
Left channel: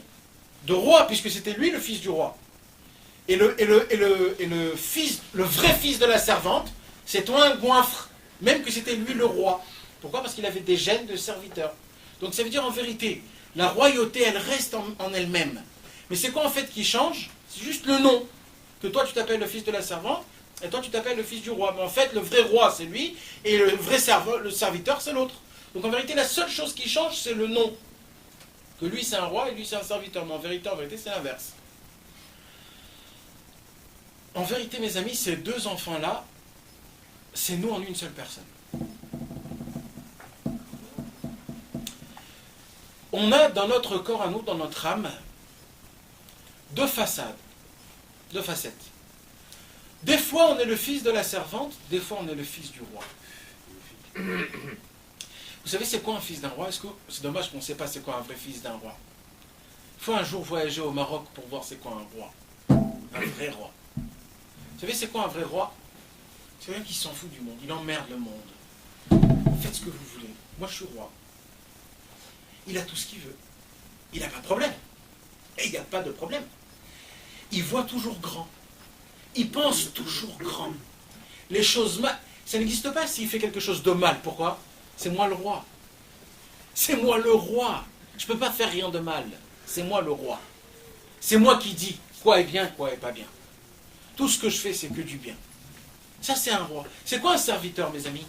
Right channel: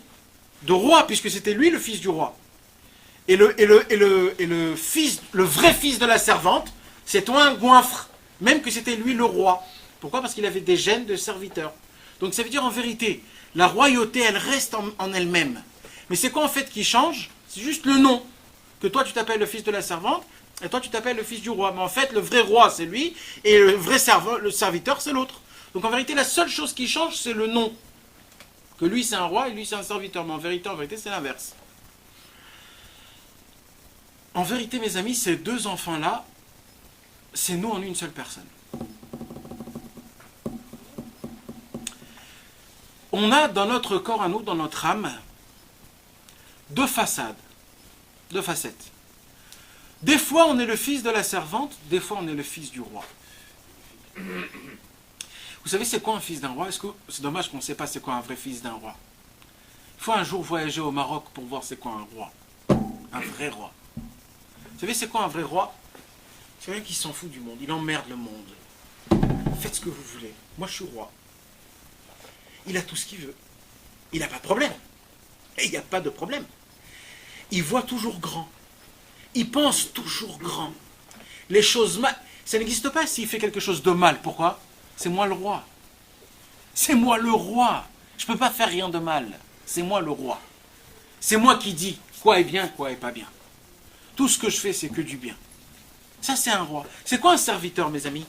de roi, puisque c'était lui le fils du roi. Et le vrai fils de la servante, c'est un goinfre, même que c'était lui le roi. Pourquoi? Parce qu'il avait des gènes de serviteur. Donc ça veut dire en vérité, la royauté, elle reste en elle-même. Mais c'est quoi en fait qui change? C'est juste le nom. Que toi tu t'appelles le fils de la servante, et toi tu t'appelles le fils du roi. Mais en fait, le vrai roi c'est lui, et le serviteur c'est l'autre. Donc en vérité, la seule chose qui change, c'est le nom. Que lui c'est un roi et lui c'est un serviteur. Mais en vérité, c'est l'inverse. En vérité, mes amis, ces deux enfants-là, c'est nous en une seule personne. On a dans notre corps à nous, dans notre âme, deux façades, deux facettes. Des fois, on est le fils de la servante, des fois, on est le fils du roi. Vous savez, c'est quoi un fils d'un roi? C'est dommage qu'on ne sait pas c'est quoi un vrai fils d'un roi. Il faut un jour voyager au Maroc pour voir c'est quoi un roi. Un vrai roi. Vous savez, c'est quoi un vrai roi? C'est quelqu'un qui s'en fout du monde, il emmerde le monde. Faites ce que vous voulez. Moi, je suis roi. Il a tout ce qu'il veut. Il n'a pas de problème. Et il n'y a pas de problème. Il voit toujours grand. Il pense toujours grand. Les choses mal, ça n'existe pas s'il fait quelque chose de mal. Pourquoi? C'est moi le roi. C'est moi le roi. Je ne peux pas faire rien de mal. C'est moi le roi. C'est moi qui dis quoi est bien, quoi est pas bien. Tout ce que je fais, c'est que du bien. Ça, c'est un roi. C'est quoi un serviteur, mes amis?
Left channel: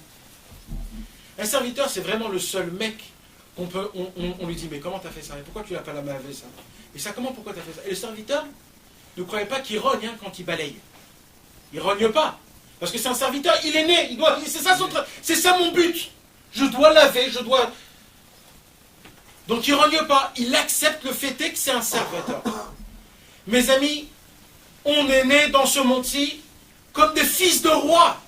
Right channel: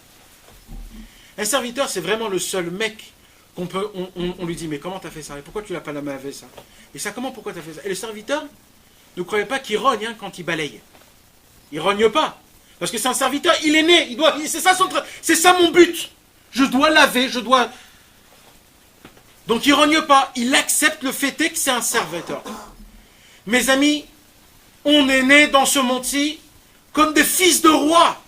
Un serviteur, c'est vraiment le seul mec on lui dit, mais comment tu as fait ça? Et pourquoi tu l'as pas lavé ça? Et ça, pourquoi tu as fait ça? Et le serviteur, ne croyez pas qu'il rogne quand il balaye. Il rogne pas. Parce que c'est un serviteur, il est né. C'est ça mon but. Je dois laver, je dois... Donc il rogne pas. Il accepte le fait que c'est un serviteur. Mes amis, on est né dans ce monde-ci comme des fils de rois.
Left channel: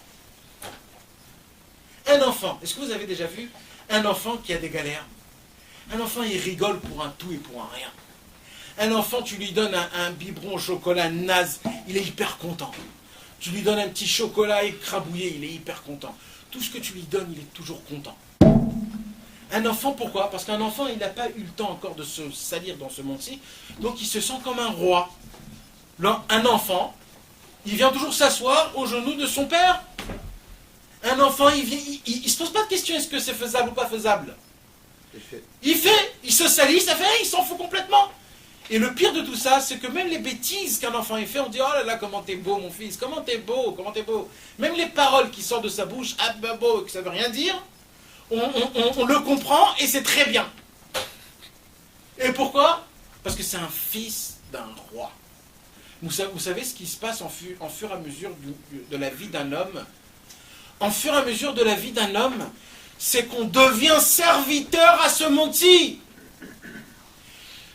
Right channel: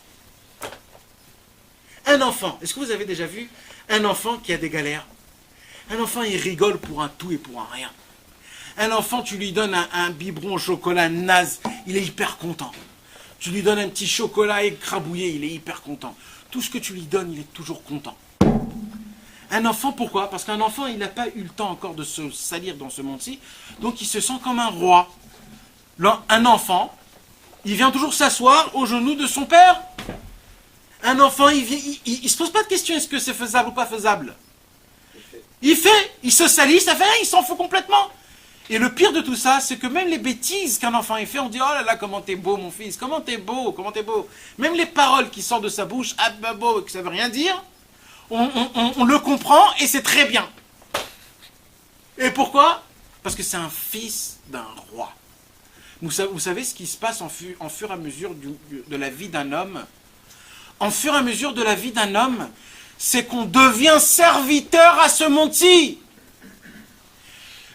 Un enfant, est-ce que vous avez déjà vu un enfant qui a des galères? Un enfant, il rigole pour un tout et pour un rien. Un enfant, tu lui donnes un biberon au chocolat naze, il est hyper content. Tu lui donnes un petit chocolat écrabouillé, il est hyper content. Tout ce que tu lui donnes, il est toujours content. Un enfant, pourquoi? Parce qu'un enfant, il n'a pas eu le temps encore de se salir dans ce monde-ci, donc il se sent comme un roi. Un enfant, il vient toujours s'asseoir aux genoux de son père. Un enfant, il se pose pas de question, est-ce que c'est faisable ou pas faisable? Il fait, il se salit, ça fait rien, il s'en fout complètement. Et le pire de tout ça, c'est que même les bêtises qu'un enfant fait, on dit, oh là là, comment t'es beau mon fils, comment t'es beau, comment t'es beau. Même les paroles qui sortent de sa bouche, ah bah beau, que ça veut rien dire, on le comprend et c'est très bien. Et pourquoi? Parce que c'est un fils d'un roi. Vous savez ce qui se passe en fur et à mesure de la vie d'un homme? En fur et à mesure de la vie d'un homme, c'est qu'on devient serviteur à ce monde-ci.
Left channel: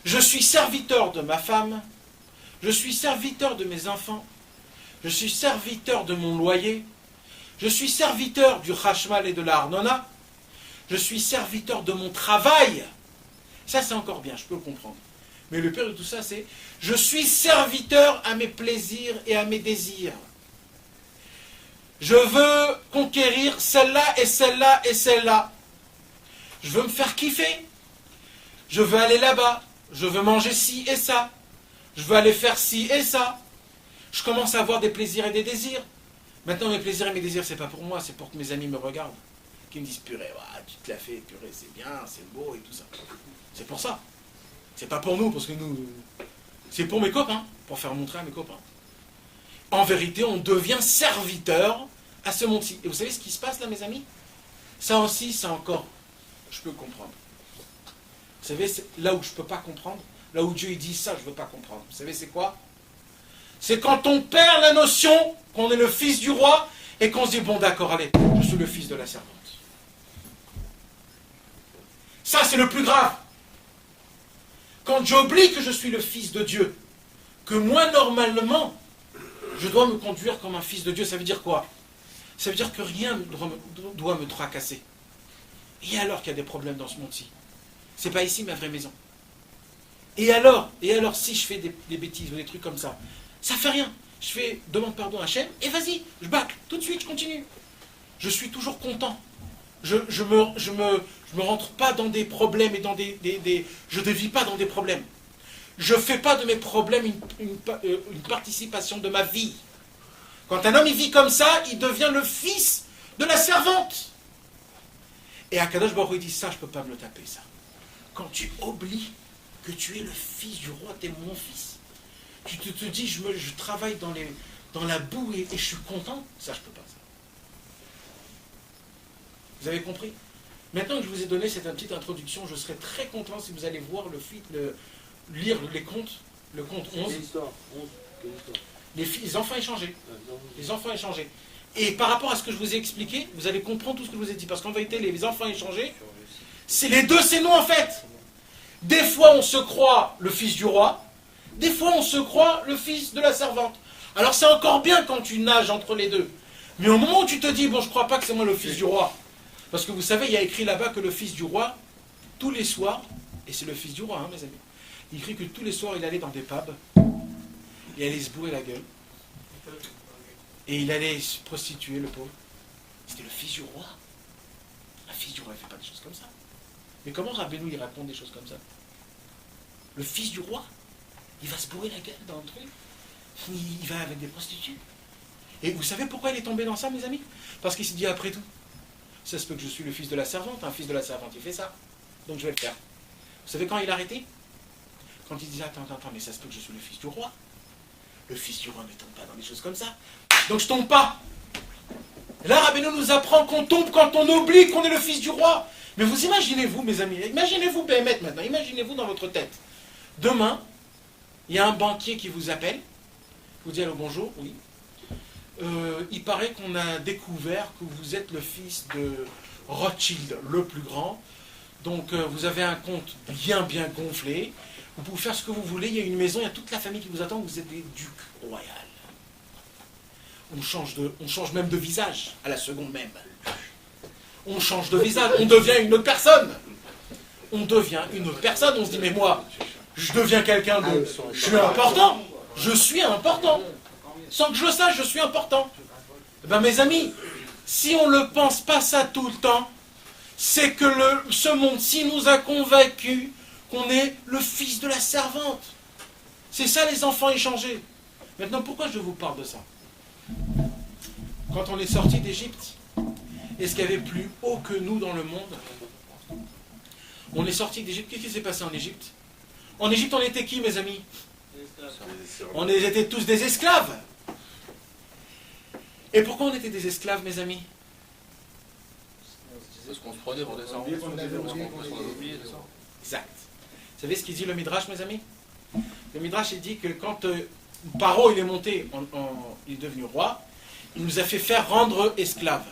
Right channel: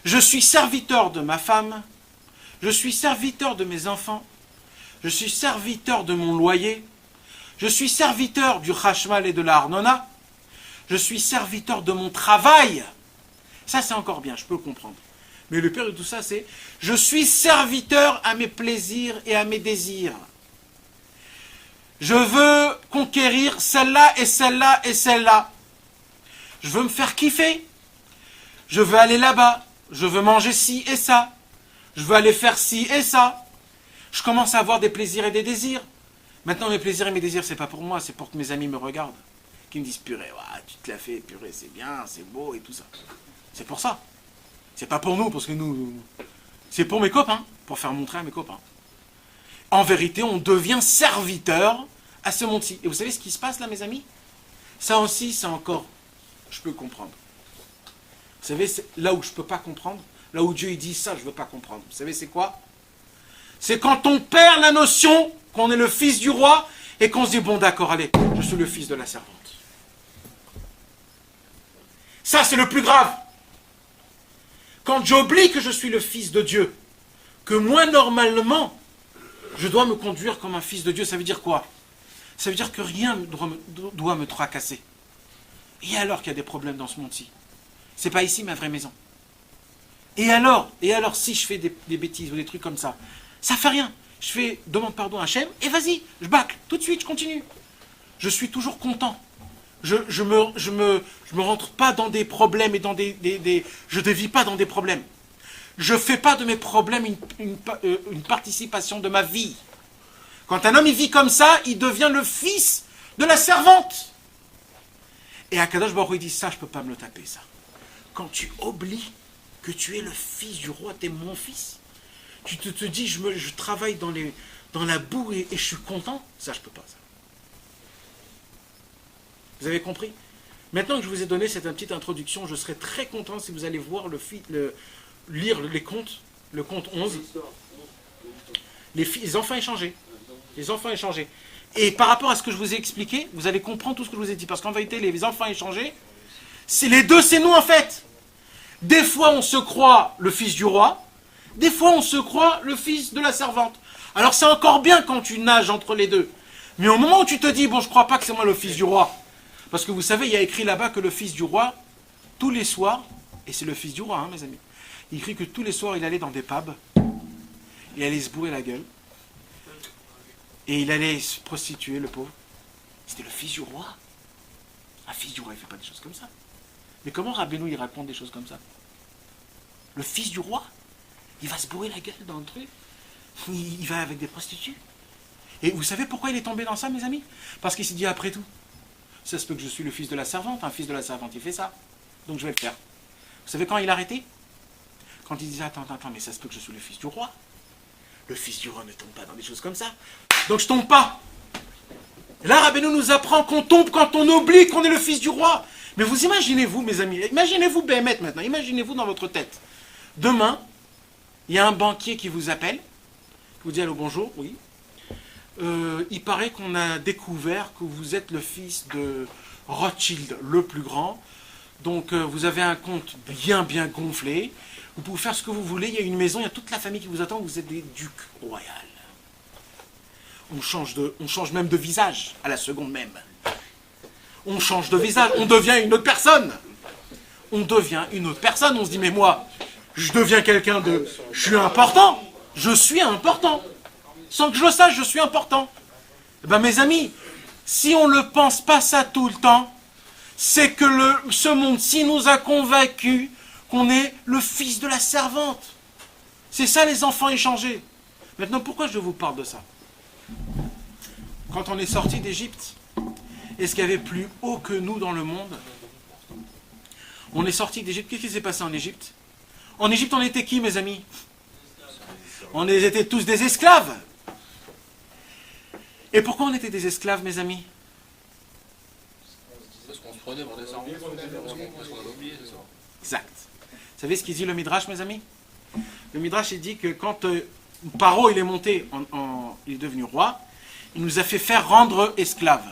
Je suis serviteur de ma femme, je suis serviteur de mes enfants, je suis serviteur de mon loyer, je suis serviteur du Khashmal et de la Arnona, je suis serviteur de mon travail. Ça, c'est encore bien, je peux le comprendre. Mais le pire de tout ça, c'est je suis serviteur à mes plaisirs et à mes désirs. Je veux conquérir celle-là et celle-là et celle-là. Je veux me faire kiffer. Je veux aller là-bas. Je veux manger ci et ça. Je veux aller faire ci et ça. Je commence à avoir des plaisirs et des désirs. Maintenant, mes plaisirs et mes désirs, c'est pas pour moi, c'est pour que mes amis me regardent. Qui me disent, purée, tu te l'as fait, purée, c'est bien, c'est beau et tout ça. C'est pour ça. C'est pas pour nous, parce que nous... C'est pour mes copains, pour faire montrer à mes copains. En vérité, on devient serviteur à ce monde-ci. Et vous savez ce qui se passe là, mes amis? Ça aussi, c'est encore... Je peux comprendre. Vous savez, c'est là où je ne peux pas comprendre, là où Dieu il dit ça, je ne veux pas comprendre. Vous savez, c'est quoi? C'est quand on perd la notion qu'on est le fils du roi et qu'on se dit, bon d'accord, allez, je suis le fils de la servante. Ça, c'est le plus grave. Quand j'oublie que je suis le fils de Dieu, que moi, normalement, je dois me conduire comme un fils de Dieu. Ça veut dire quoi? Ça veut dire que rien ne doit me tracasser. Et alors qu'il y a des problèmes dans ce monde-ci? C'est pas ici ma vraie maison. Et alors si je fais des bêtises ou des trucs comme ça, ça fait rien. Je fais demande pardon à Hachem et vas-y, je bâcle, tout de suite, je continue. Je suis toujours content. Je me rentre pas dans des problèmes et dans je ne vis pas dans des problèmes. Je fais pas de mes problèmes une participation de ma vie. Quand un homme il vit comme ça, il devient le fils de la servante. Et Akadosh Baruch Hu, il dit ça, je peux pas me le taper ça. Quand tu oublies que tu es le fils du roi, tu es mon fils. Tu te dis, je travaille dans la boue et je suis content. Ça, je peux pas. Ça. Vous avez compris? Maintenant que je vous ai donné cette petite introduction, je serai très content si vous allez voir lire les contes, le conte 11. Les enfants échangés. Les enfants échangés. Et par rapport à ce que je vous ai expliqué, vous allez comprendre tout ce que je vous ai dit. Parce qu'en vérité, les enfants échangés, c'est les deux, c'est nous en fait. Des fois, on se croit le fils du roi. Des fois, on se croit le fils de la servante. Alors, c'est encore bien quand tu nages entre les deux. Mais au moment où tu te dis, bon, je ne crois pas que c'est moi le fils du roi. Parce que vous savez, il y a écrit là-bas que le fils du roi, tous les soirs, et c'est le fils du roi, hein, mes amis, il écrit que tous les soirs, il allait dans des pubs, il allait se bourrer la gueule, et il allait se prostituer, le pauvre. C'était le fils du roi. Un fils du roi, il ne fait pas des choses comme ça. Mais comment Rabbeinu, il raconte des choses comme ça? Le fils du roi, il va se bourrer la gueule dans le truc, il va avec des prostituées. Et vous savez pourquoi il est tombé dans ça, mes amis? Parce qu'il s'est dit, après tout, ça se peut que je suis le fils de la servante, un fils de la servante, il fait ça, donc je vais le faire. Vous savez quand il a arrêté? Quand il disait, attends, mais ça se peut que je suis le fils du roi. Le fils du roi ne tombe pas dans des choses comme ça. Donc je tombe pas. Et là, Rabbeinu nous apprend qu'on tombe quand on oublie qu'on est le fils du roi. Mais vous imaginez-vous, mes amis, imaginez-vous Béhémet maintenant, imaginez-vous dans votre tête. Demain, il y a un banquier qui vous appelle, qui vous dit allô, bonjour, oui. Il paraît qu'on a découvert que vous êtes le fils de Rothschild, le plus grand. Donc vous avez un compte bien gonflé. Vous pouvez faire ce que vous voulez. Il y a une maison, il y a toute la famille qui vous attend. Vous êtes des ducs royaux. On change même de visage à la seconde même. On change de visage. On devient une autre personne. On se dit mais moi, je deviens quelqu'un de... Je suis important. Je suis important. Sans que je le sache, je suis important. Eh bien, mes amis, si on ne le pense pas ça tout le temps, c'est que ce monde-ci nous a convaincus qu'on est le fils de la servante. C'est ça les enfants échangés. Maintenant, pourquoi je vous parle de ça? Quand on est sorti d'Égypte, est-ce qu'il y avait plus haut que nous dans le monde? On est sorti d'Égypte. Qu'est-ce qui s'est passé en Égypte? En Égypte, on était qui, mes amis? On était tous des esclaves. Et pourquoi on était des esclaves, mes amis? Parce qu'on se prenait pour des servants. Parce qu'on avait oublié, c'est ça. Exact. Vous savez ce qu'il dit le Midrash, mes amis? Le Midrash, il dit que quand Paro il est monté, il est devenu roi, il nous a fait faire rendre esclaves.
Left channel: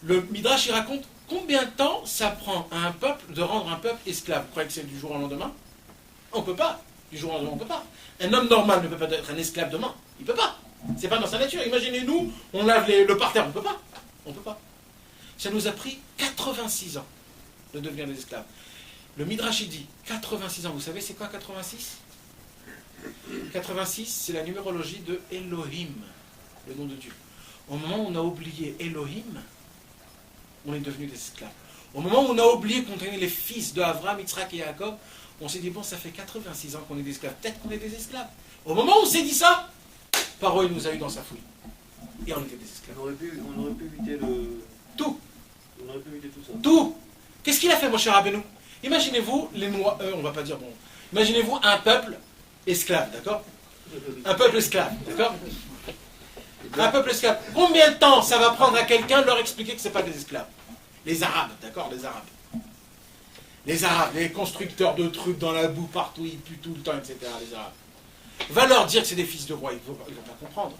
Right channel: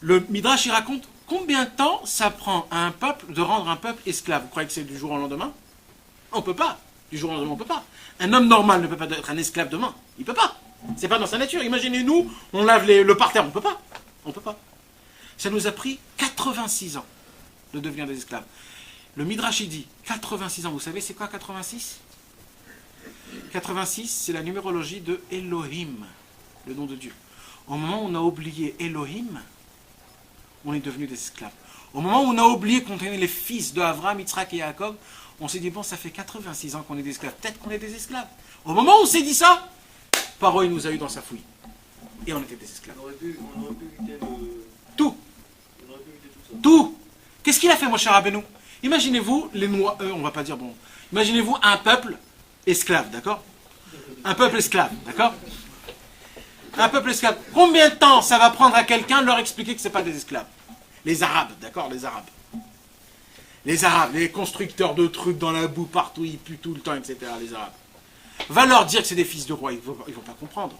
Le Midrash, il raconte combien de temps ça prend à un peuple de rendre un peuple esclave. Vous croyez que c'est du jour au lendemain? On ne peut pas. Du jour au lendemain, on ne peut pas. Un homme normal ne peut pas être un esclave demain. Il ne peut pas. C'est pas dans sa nature. Imaginez-nous, on lave le parterre. On ne peut pas. On ne peut pas. Ça nous a pris 86 ans de devenir des esclaves. Le Midrash, il dit 86 ans. Vous savez, c'est quoi 86? 86, c'est la numérologie de Elohim, le nom de Dieu. Au moment où on a oublié Elohim, on est devenu des esclaves. Au moment où on a oublié qu'on était les fils de Abraham, Yitzhak et Jacob, on s'est dit, bon, ça fait 86 ans qu'on est des esclaves. Peut-être qu'on est des esclaves. Au moment où on s'est dit ça, Paro, il nous a eu dans sa fouille. Et on était des esclaves. On aurait pu éviter tout. On aurait pu éviter tout ça. Tout. Qu'est-ce qu'il a fait, mon cher Rabbeinu? Imaginez-vous, les Noirs, on va pas dire bon. Imaginez-vous un peuple esclave, d'accord? Un peuple esclave, d'accord? Un peuple esclave. Combien de temps ça va prendre à quelqu'un de leur expliquer que ce n'est pas des esclaves? Les Arabes, d'accord? Les Arabes. Les Arabes, les constructeurs de trucs dans la boue partout, ils puent tout le temps, etc. Les Arabes. Va leur dire que c'est des fils de roi, ils vont pas comprendre.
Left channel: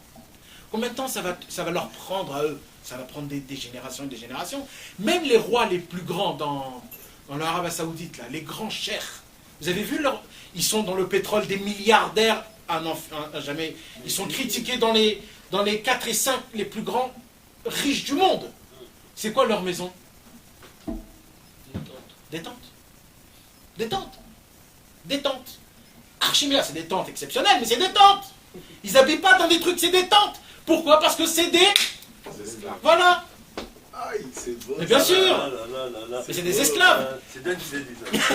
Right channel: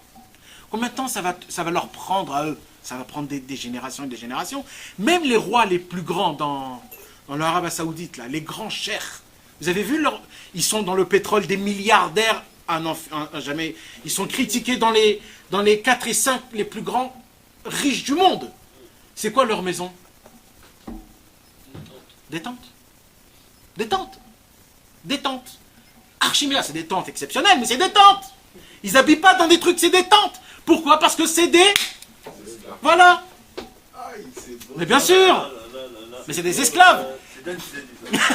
Combien de temps ça va leur prendre à eux? Ça va prendre des générations et des générations. Même les rois les plus grands dans l'Arabie Saoudite, là, les grands cheikhs Vous avez vu, ils sont dans le pétrole des milliardaires jamais. Ils sont critiqués dans les 4 et 5 les plus grands riches du monde. C'est quoi leur maison? Des tentes. Des tentes. Des tentes. Archimia, c'est des tentes exceptionnelles, mais c'est des tentes. Ils n'habitent pas dans des trucs, c'est des tentes. Pourquoi? Parce que c'est des... Voilà. Mais bien sûr. Mais c'est des esclaves. C'est Dan qui s'est dit ça.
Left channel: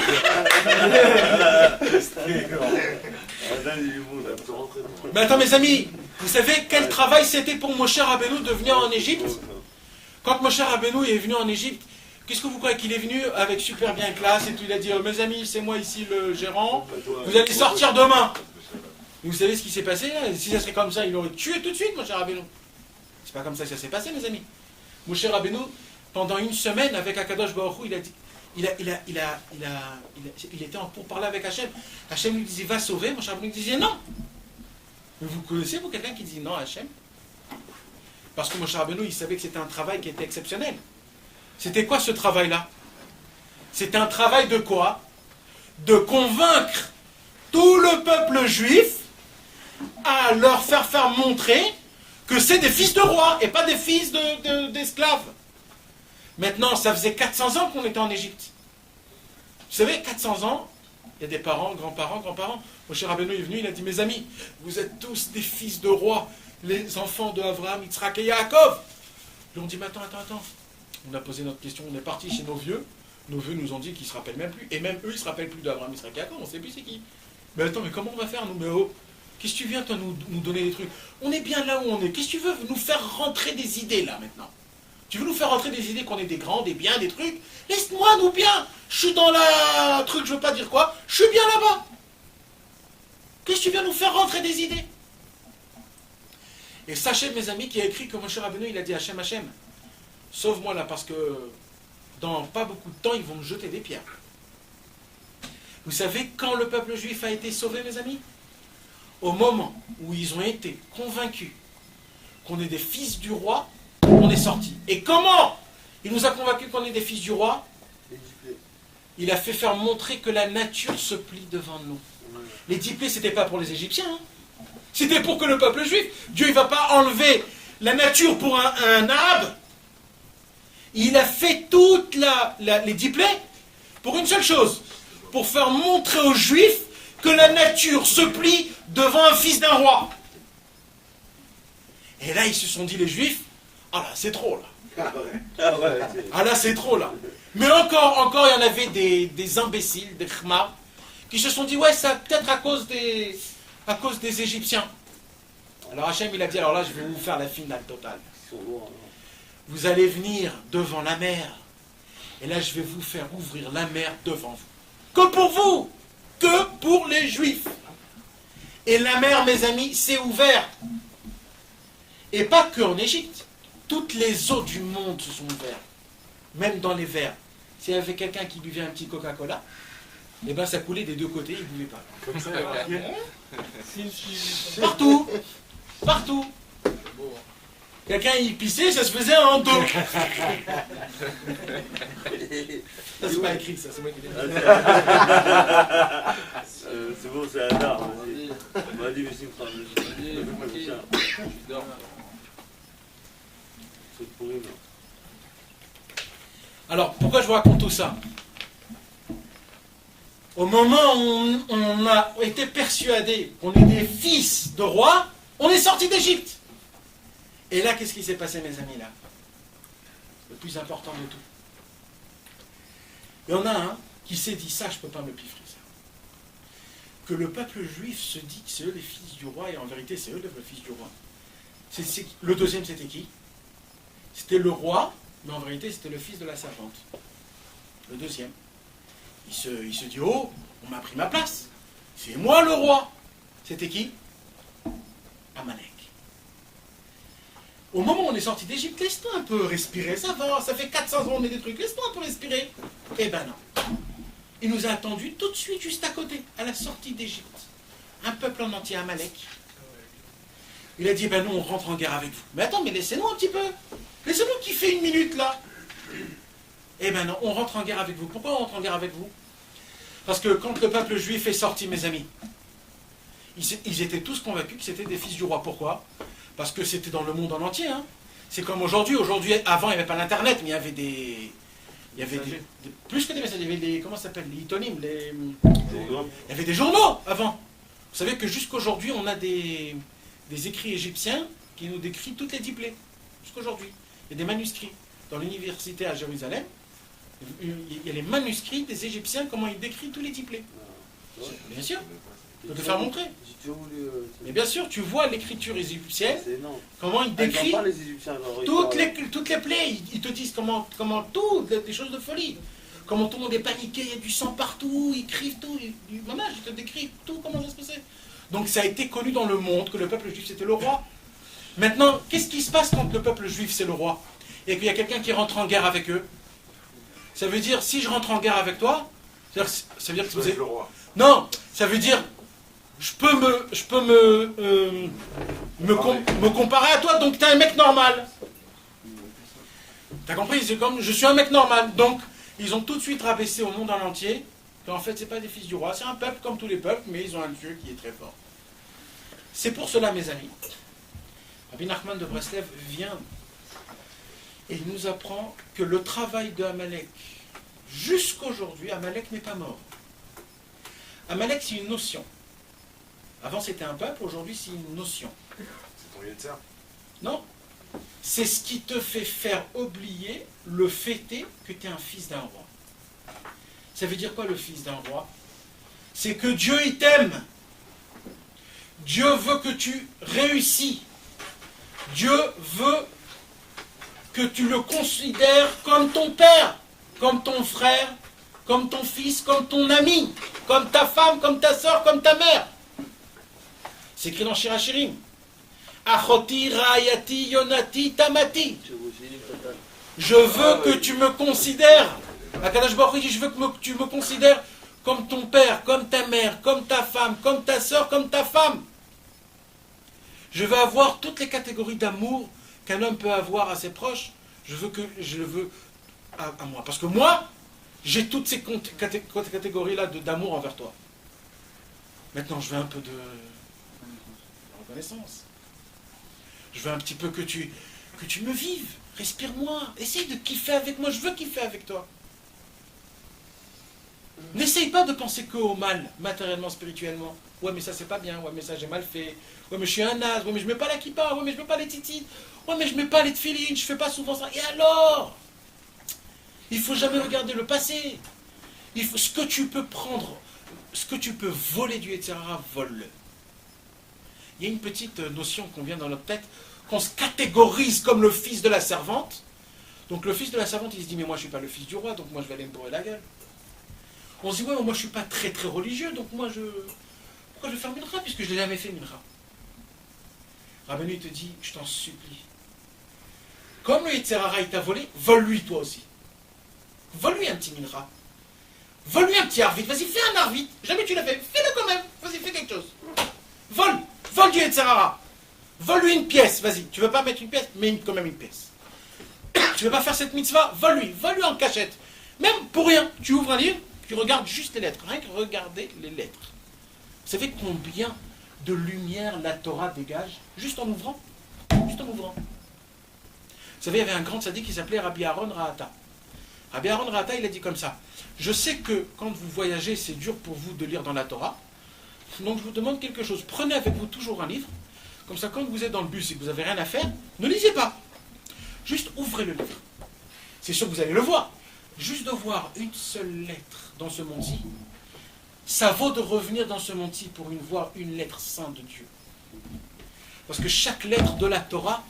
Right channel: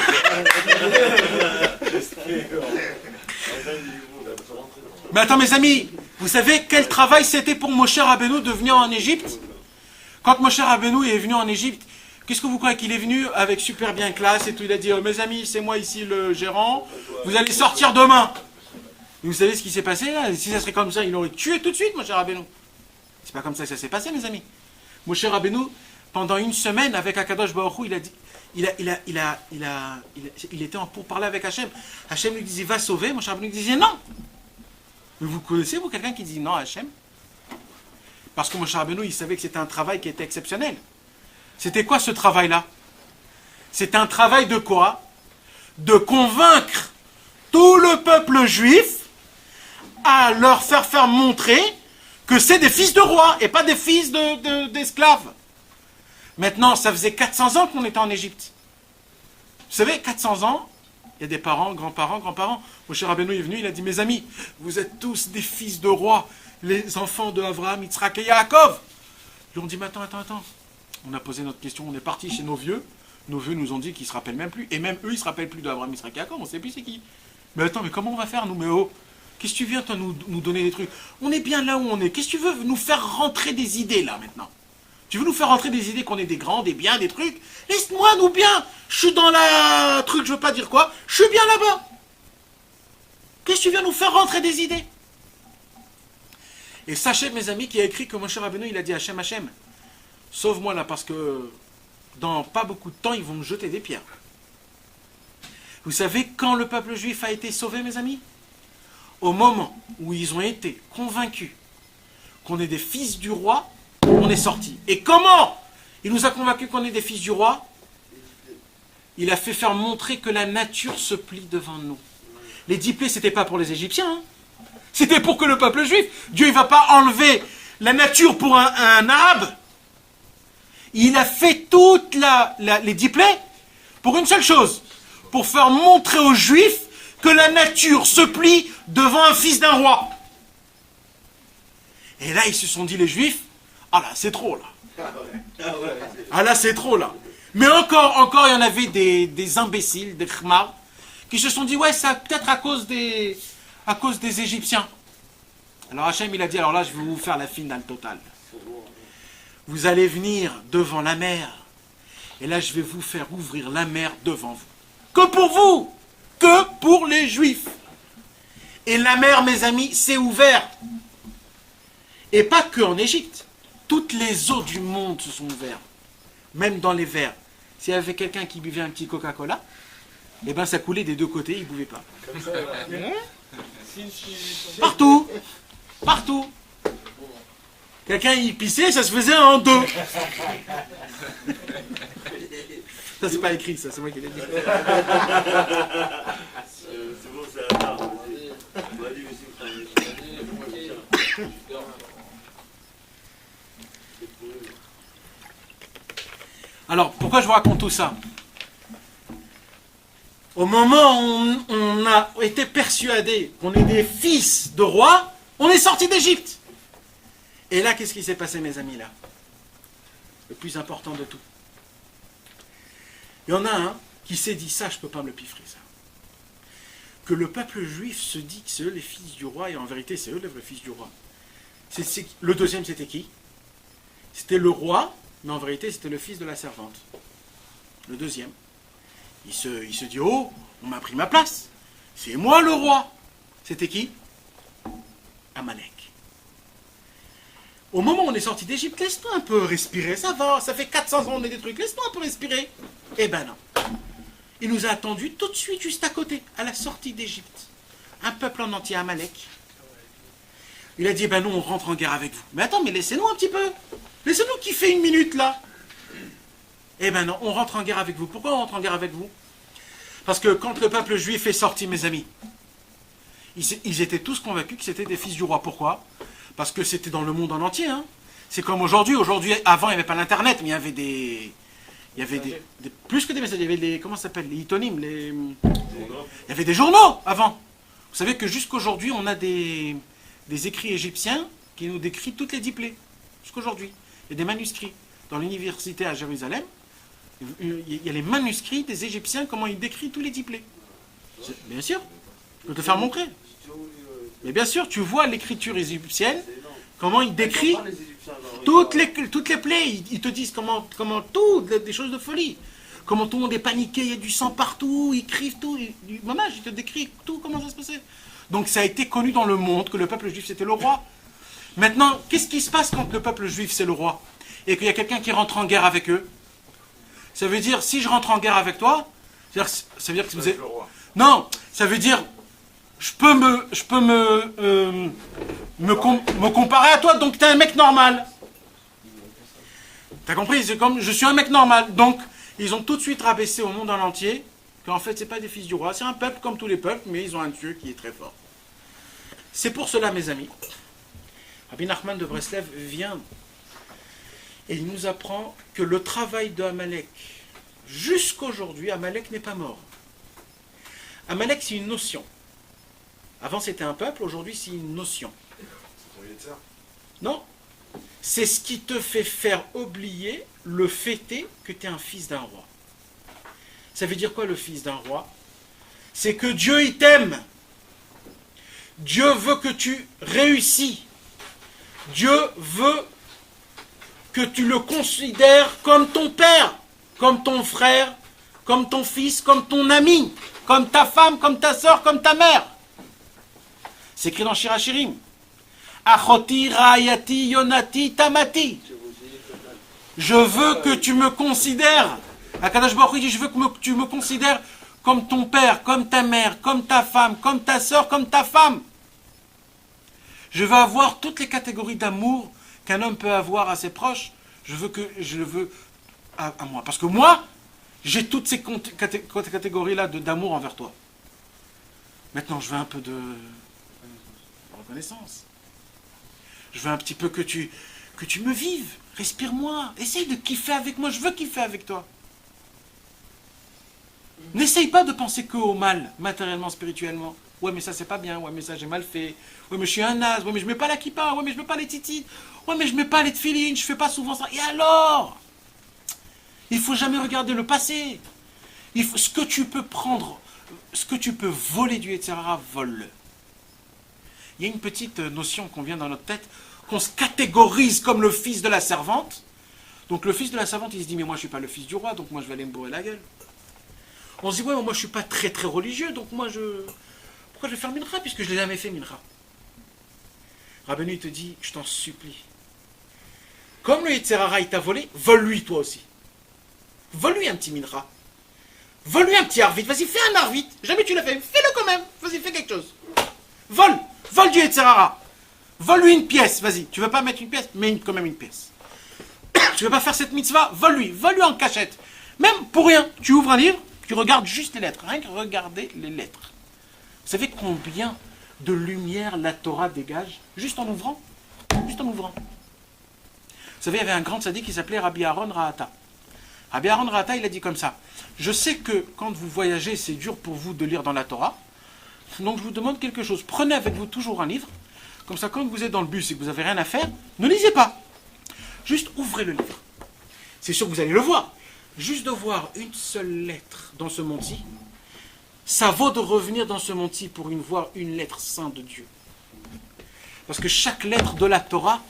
Mais attends mes amis, vous savez quel travail c'était pour Moshe Rabbeinu de venir en Égypte? Quand Moshe Rabbeinu est venu en Égypte, qu'est-ce que vous croyez qu'il est venu avec super bien classe et tout? Il a dit, oh, mes amis, c'est moi ici le gérant, vous allez sortir demain. Et vous savez ce qui s'est passé là? Si ça serait comme ça, il aurait tué tout de suite Moshe Rabbeinu. C'est pas comme ça que ça s'est passé mes amis. Moshe Rabbeinu, pendant une semaine avec Akadosh Baruch Hu, il a dit, il était en pourparlers avec Hachem. Hachem lui disait, va sauver. Moshe Rabbeinu disait non. Mais vous connaissez, vous, quelqu'un qui dit non à Hachem? Parce que Moshe Rabbeinu, il savait que c'était un travail qui était exceptionnel. C'était quoi ce travail-là? C'était un travail de quoi? De convaincre tout le peuple juif à leur faire montrer que c'est des fils de rois et pas des fils d'esclaves. Maintenant, ça faisait 400 ans qu'on était en Égypte. Vous savez, 400 ans, il y a des parents, grands-parents. Moshe Rabbeinu est venu, il a dit, mes amis, vous êtes tous des fils de rois, les enfants de Abraham, Yitzhak et Yaakov. Ils ont dit, mais attends. On a posé notre question, on est parti chez nos vieux. Nos vieux nous ont dit qu'ils ne se rappellent même plus. Et même eux, ils ne se rappellent plus d'Abraham, Yitzhak et Yaakov, on ne sait plus c'est qui. Mais attends, mais comment on va faire, nous? Mais oh, qu'est-ce que tu viens, toi, nous donner des trucs? On est bien là où on est. Qu'est-ce que tu veux nous faire rentrer des idées, là, maintenant? Tu veux nous faire rentrer des idées qu'on est des grands, des biens, des trucs? Laisse-moi, nous, bien. Je suis dans la... truc, je veux pas dire quoi. Je suis bien là-bas. Qu'est-ce que tu viens nous faire rentrer des idées? Et sachez, mes amis, qui a écrit que Moshe Rabbeinu, il a dit Hachem, sauve-moi là, parce que dans pas beaucoup de temps, ils vont me jeter des pierres. Vous savez quand le peuple juif a été sauvé, mes amis? Au moment où ils ont été convaincus qu'on est des fils du roi, on est sortis. Et comment il nous a convaincus qu'on est des fils du roi? Il a fait faire montrer que la nature se plie devant nous. Les 10 plaies, c'était pas pour les Égyptiens. Hein. C'était pour que le peuple juif, Dieu ne va pas enlever la nature pour un arabe. Il a fait toutes les 10 plaies pour une seule chose. Pour faire montrer aux juifs que la nature se plie devant un fils d'un roi. Et là, ils se sont dit, les juifs, ah là, c'est trop là. Ah là, c'est trop là. Mais encore, il y en avait des imbéciles, des khmars, qui se sont dit, ouais, ça peut-être à cause des Égyptiens. Alors Hachem, il a dit, alors là, je vais vous faire la finale totale. Vous allez venir devant la mer, et là, je vais vous faire ouvrir la mer devant vous. Que pour vous, que pour les Juifs. Et la mer, mes amis, s'est ouverte. Et pas que en Égypte. Toutes les eaux du monde se sont ouvertes. Même dans les verres. S'il y avait quelqu'un qui buvait un petit Coca-Cola, eh ben ça coulait des deux côtés, il ne buvait pas. Partout. Partout. Quelqu'un y pissait, ça se faisait en deux. Ça c'est pas écrit, ça, c'est moi qui l'ai dit. C'est bon, c'est un art. Vas-y, mais c'est Alors, pourquoi je vous raconte tout ça? Au moment où on a été persuadé qu'on est des fils de rois, on est sortis d'Égypte. Et là, qu'est-ce qui s'est passé, mes amis, là? Le plus important de tout. Il y en a un qui s'est dit, ça, je ne peux pas me le piffrer, ça. Que le peuple juif se dit que c'est eux les fils du roi, et en vérité, c'est eux le fils du roi. Le deuxième, c'était qui? C'était le roi, mais en vérité, c'était le fils de la servante. Le deuxième. Il se dit, oh, on m'a pris ma place. C'est moi le roi. C'était qui? Amalek. Au moment où on est sorti d'Égypte, laisse-toi un peu respirer, ça va, ça fait 400 ans qu'on est des trucs, laisse-toi un peu respirer. Eh ben non. Il nous a attendus tout de suite, juste à côté, à la sortie d'Égypte. Un peuple en entier, Amalek. Il a dit, ben non, on rentre en guerre avec vous. Mais attends, mais laissez-nous un petit peu. Laissez-nous kiffer une minute, là. Eh ben non, on rentre en guerre avec vous. Pourquoi on rentre en guerre avec vous? Parce que quand le peuple juif est sorti, mes amis, ils étaient tous convaincus que c'était des fils du roi. Pourquoi? Parce que c'était dans le monde en entier. Hein. C'est comme aujourd'hui. Aujourd'hui, avant, il n'y avait pas l'internet, mais il y avait des... Il y avait plus que des messages, il y avait des... Comment ça s'appelle? Les hitonymes, il y avait des journaux avant. Vous savez que jusqu'aujourd'hui, on a des écrits égyptiens qui nous décrivent toutes les diplées. Jusqu'aujourd'hui. Il y a des manuscrits. Dans l'université à Jérusalem, il y a les manuscrits des Égyptiens, comment ils décrivent tous les diplées. Bien sûr. Je peux te faire montrer. Mais bien sûr, tu vois l'écriture égyptienne, comment ils décrivent toutes les plaies. Ils te disent comment des choses de folie. Comment tout le monde est paniqué, il y a du sang partout, ils écrivent tout. Maman, ils te décrivent tout, comment ça se passait. Donc ça a été connu dans le monde que le peuple juif c'était le roi. Maintenant, qu'est-ce qui se passe quand le peuple juif c'est le roi et qu'il y a quelqu'un qui rentre en guerre avec eux? Ça veut dire, si je rentre en guerre avec toi, ça veut dire que vous êtes... Non, ça veut dire... Je peux me comparer à toi, donc tu es un mec normal. T'as compris? C'est comme, je suis un mec normal. Donc, ils ont tout de suite rabaissé au monde en entier qu'en fait, c'est pas des fils du roi, c'est un peuple comme tous les peuples, mais ils ont un Dieu qui est très fort. C'est pour cela, mes amis, Rabbi Nachman de Breslev vient et il nous apprend que le travail de Amalek, jusqu'aujourd'hui, Amalek n'est pas mort. Amalek, c'est une notion. Avant c'était un peuple, aujourd'hui c'est une notion. Non. C'est ce qui te fait faire oublier le fait est que tu es un fils d'un roi. Ça veut dire quoi le fils d'un roi? C'est que Dieu il t'aime. Dieu veut que tu réussis. Dieu veut que tu le considères comme ton père, comme ton frère, comme ton fils, comme ton ami, comme ta femme, comme ta soeur, comme ta mère. C'est écrit dans Shirachirim. Achoti, Rayati, Yonati, Tamati. Je veux que tu me considères. Akadosh Baruch Hu dit, je veux que tu me considères comme ton père, comme ta mère, comme ta femme, comme ta soeur, comme ta femme. Je veux avoir toutes les catégories d'amour qu'un homme peut avoir à ses proches. Je le veux à moi. Parce que moi, j'ai toutes ces catégories-là d'amour envers toi. Maintenant, je veux un peu de reconnaissance. Je veux un petit peu que tu me vives. Respire-moi. Essaye de kiffer avec moi. Je veux kiffer avec toi. N'essaye pas de penser que au mal, matériellement, spirituellement. Ouais, mais ça, c'est pas bien. Ouais, mais ça, j'ai mal fait. Ouais, mais je suis un naze. Ouais, mais je mets pas la kippa. Ouais, mais je mets pas les titis. Ouais, mais je mets pas les tefilines. Je fais pas souvent ça. Et alors? Il faut jamais regarder le passé. Ce que tu peux prendre, ce que tu peux voler du etc., vole-le. Il y a une petite notion qu'on vient dans notre tête, qu'on se catégorise comme le fils de la servante. Donc le fils de la servante, il se dit, mais moi je ne suis pas le fils du roi, donc moi je vais aller me bourrer la gueule. On se dit, ouais, moi je ne suis pas très très religieux, donc moi pourquoi je vais faire mincha, puisque je ne l'ai jamais fait mincha. Rabbeinu il te dit, je t'en supplie. Comme le Yetzerara il t'a volé, vole-lui toi aussi. Vole-lui un petit mincha. Vole-lui un petit arvit. Vas-y, fais un arvit. Jamais tu l'as fait. Fais-le quand même. Vas-y, fais quelque chose. Vole. Vole du Yetzerara. Vole-lui une pièce. Vas-y. Tu veux pas mettre une pièce? Mets quand même une pièce. Tu veux pas faire cette mitzvah? Vole-lui. Vole-lui en cachette. Même pour rien. Tu ouvres un livre, tu regardes juste les lettres. Rien que regarder les lettres. Vous savez combien de lumière la Torah dégage? Juste en ouvrant. Juste en ouvrant. Vous savez, il y avait un grand tzaddik qui s'appelait Rabbi Aaron Rahata. Rabbi Aaron Rahata, il a dit comme ça. Je sais que quand vous voyagez, c'est dur pour vous de lire dans la Torah. Donc je vous demande quelque chose. Prenez avec vous toujours un livre. Comme ça, quand vous êtes dans le bus et que vous n'avez rien à faire, ne lisez pas. Juste ouvrez le livre. C'est sûr que vous allez le voir. Juste de voir une seule lettre dans ce monde-ci, ça vaut de revenir dans ce monde-ci pour voir une lettre sainte de Dieu. Parce que chaque lettre de la Torah,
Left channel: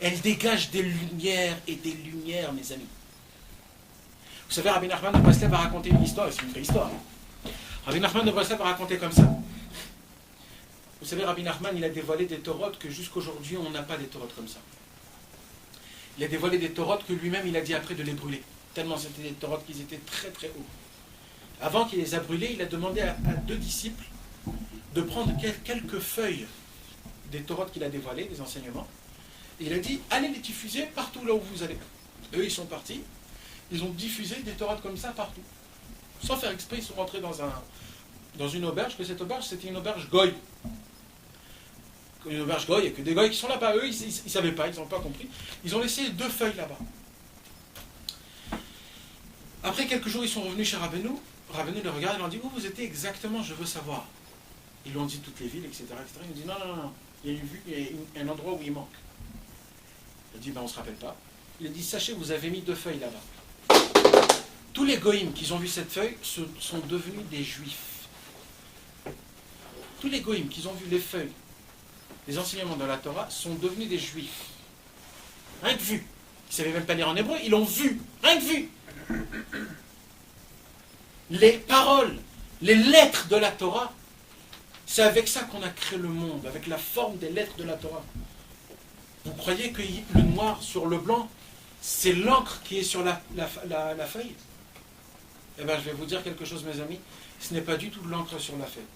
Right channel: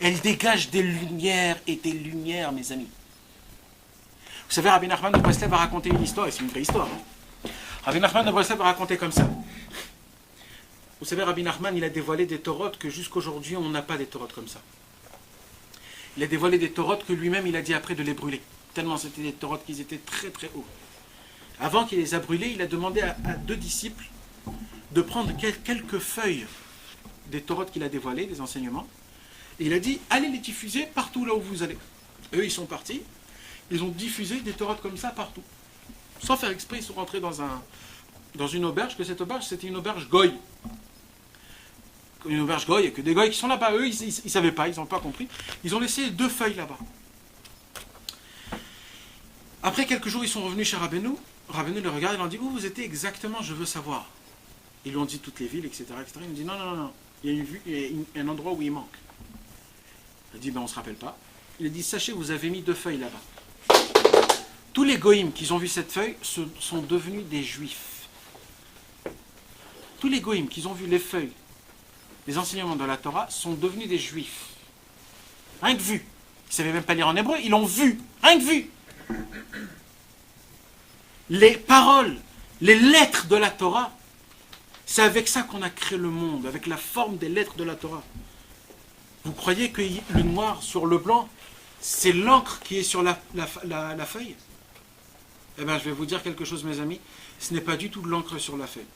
elle dégage des lumières et des lumières, mes amis. Vous savez, Rabbi Nachman de Breslev a raconté une histoire, et c'est une vraie histoire. Rabbi Nachman de Breslev a raconté comme ça. Vous savez, Rabbi Nachman, il a dévoilé des torotes que jusqu'aujourd'hui, on n'a pas des torotes comme ça. Il a dévoilé des torotes que lui-même, il a dit après de les brûler. Tellement c'était des torotes qui étaient très très hauts. Avant qu'il les a brûlés, il a demandé à 2 disciples de prendre quelques feuilles des torotes qu'il a dévoilées, des enseignements. Et il a dit, allez les diffuser partout là où vous allez. Eux, ils sont partis. Ils ont diffusé des torotes comme ça partout. Sans faire exprès, ils sont rentrés dans une auberge, que cette auberge, c'était une auberge goy. Une auberge goy, et que des goys qui sont là-bas, eux, ils ne savaient pas, ils n'ont pas compris. Ils ont laissé 2 feuilles là-bas. Après quelques jours, ils sont revenus chez Rabbeinu. Rabbeinu les regarde et leur dit, où vous étiez exactement, je veux savoir. Ils lui ont dit toutes les villes, etc. etc. Il nous dit, non, il y a un endroit où il manque. Il dit, on ne se rappelle pas. Il a dit, sachez, vous avez mis 2 feuilles là-bas. Tous les goïms qui ont vu cette feuille sont devenus des juifs. Tous les goïms qui ont vu les feuilles, les enseignements de la Torah, sont devenus des juifs. Rien que vu. Ils ne savaient même pas lire en hébreu, ils l'ont vu. Rien que vu. Les paroles, les lettres de la Torah, c'est avec ça qu'on a créé le monde, avec la forme des lettres de la Torah. Vous croyez que le noir sur le blanc, c'est l'encre qui est sur la feuille? Eh bien, je vais vous dire quelque chose, mes amis. Ce n'est pas du tout de l'encre sur la feuille.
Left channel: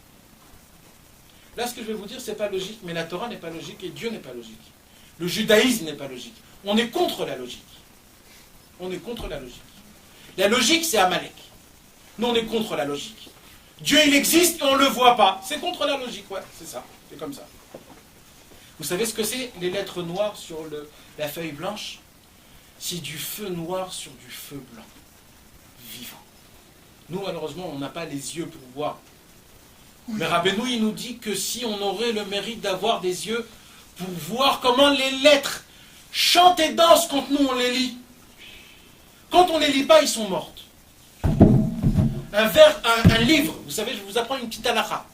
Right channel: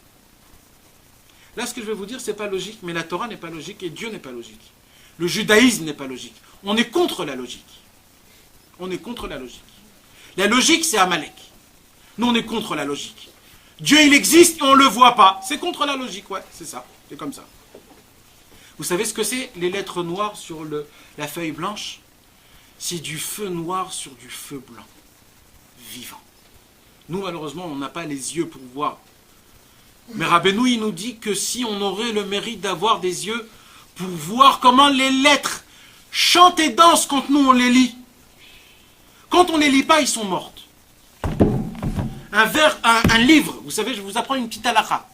Là, ce que je vais vous dire, ce n'est pas logique, mais la Torah n'est pas logique et Dieu n'est pas logique. Le judaïsme n'est pas logique. On est contre la logique. On est contre la logique. La logique, c'est Amalek. Nous, on est contre la logique. Dieu, il existe et on ne le voit pas. C'est contre la logique, ouais, c'est ça. C'est comme ça. Vous savez ce que c'est, les lettres noires sur la feuille blanche? C'est du feu noir sur du feu blanc. Vivant. Nous, malheureusement, on n'a pas les yeux pour voir. Mais Rabbeinu, il nous dit que si on aurait le mérite d'avoir des yeux pour voir comment les lettres chantent et dansent quand nous, on les lit. Quand on ne les lit pas, ils sont mortes. Un livre, vous savez, je vous apprends une petite halakha.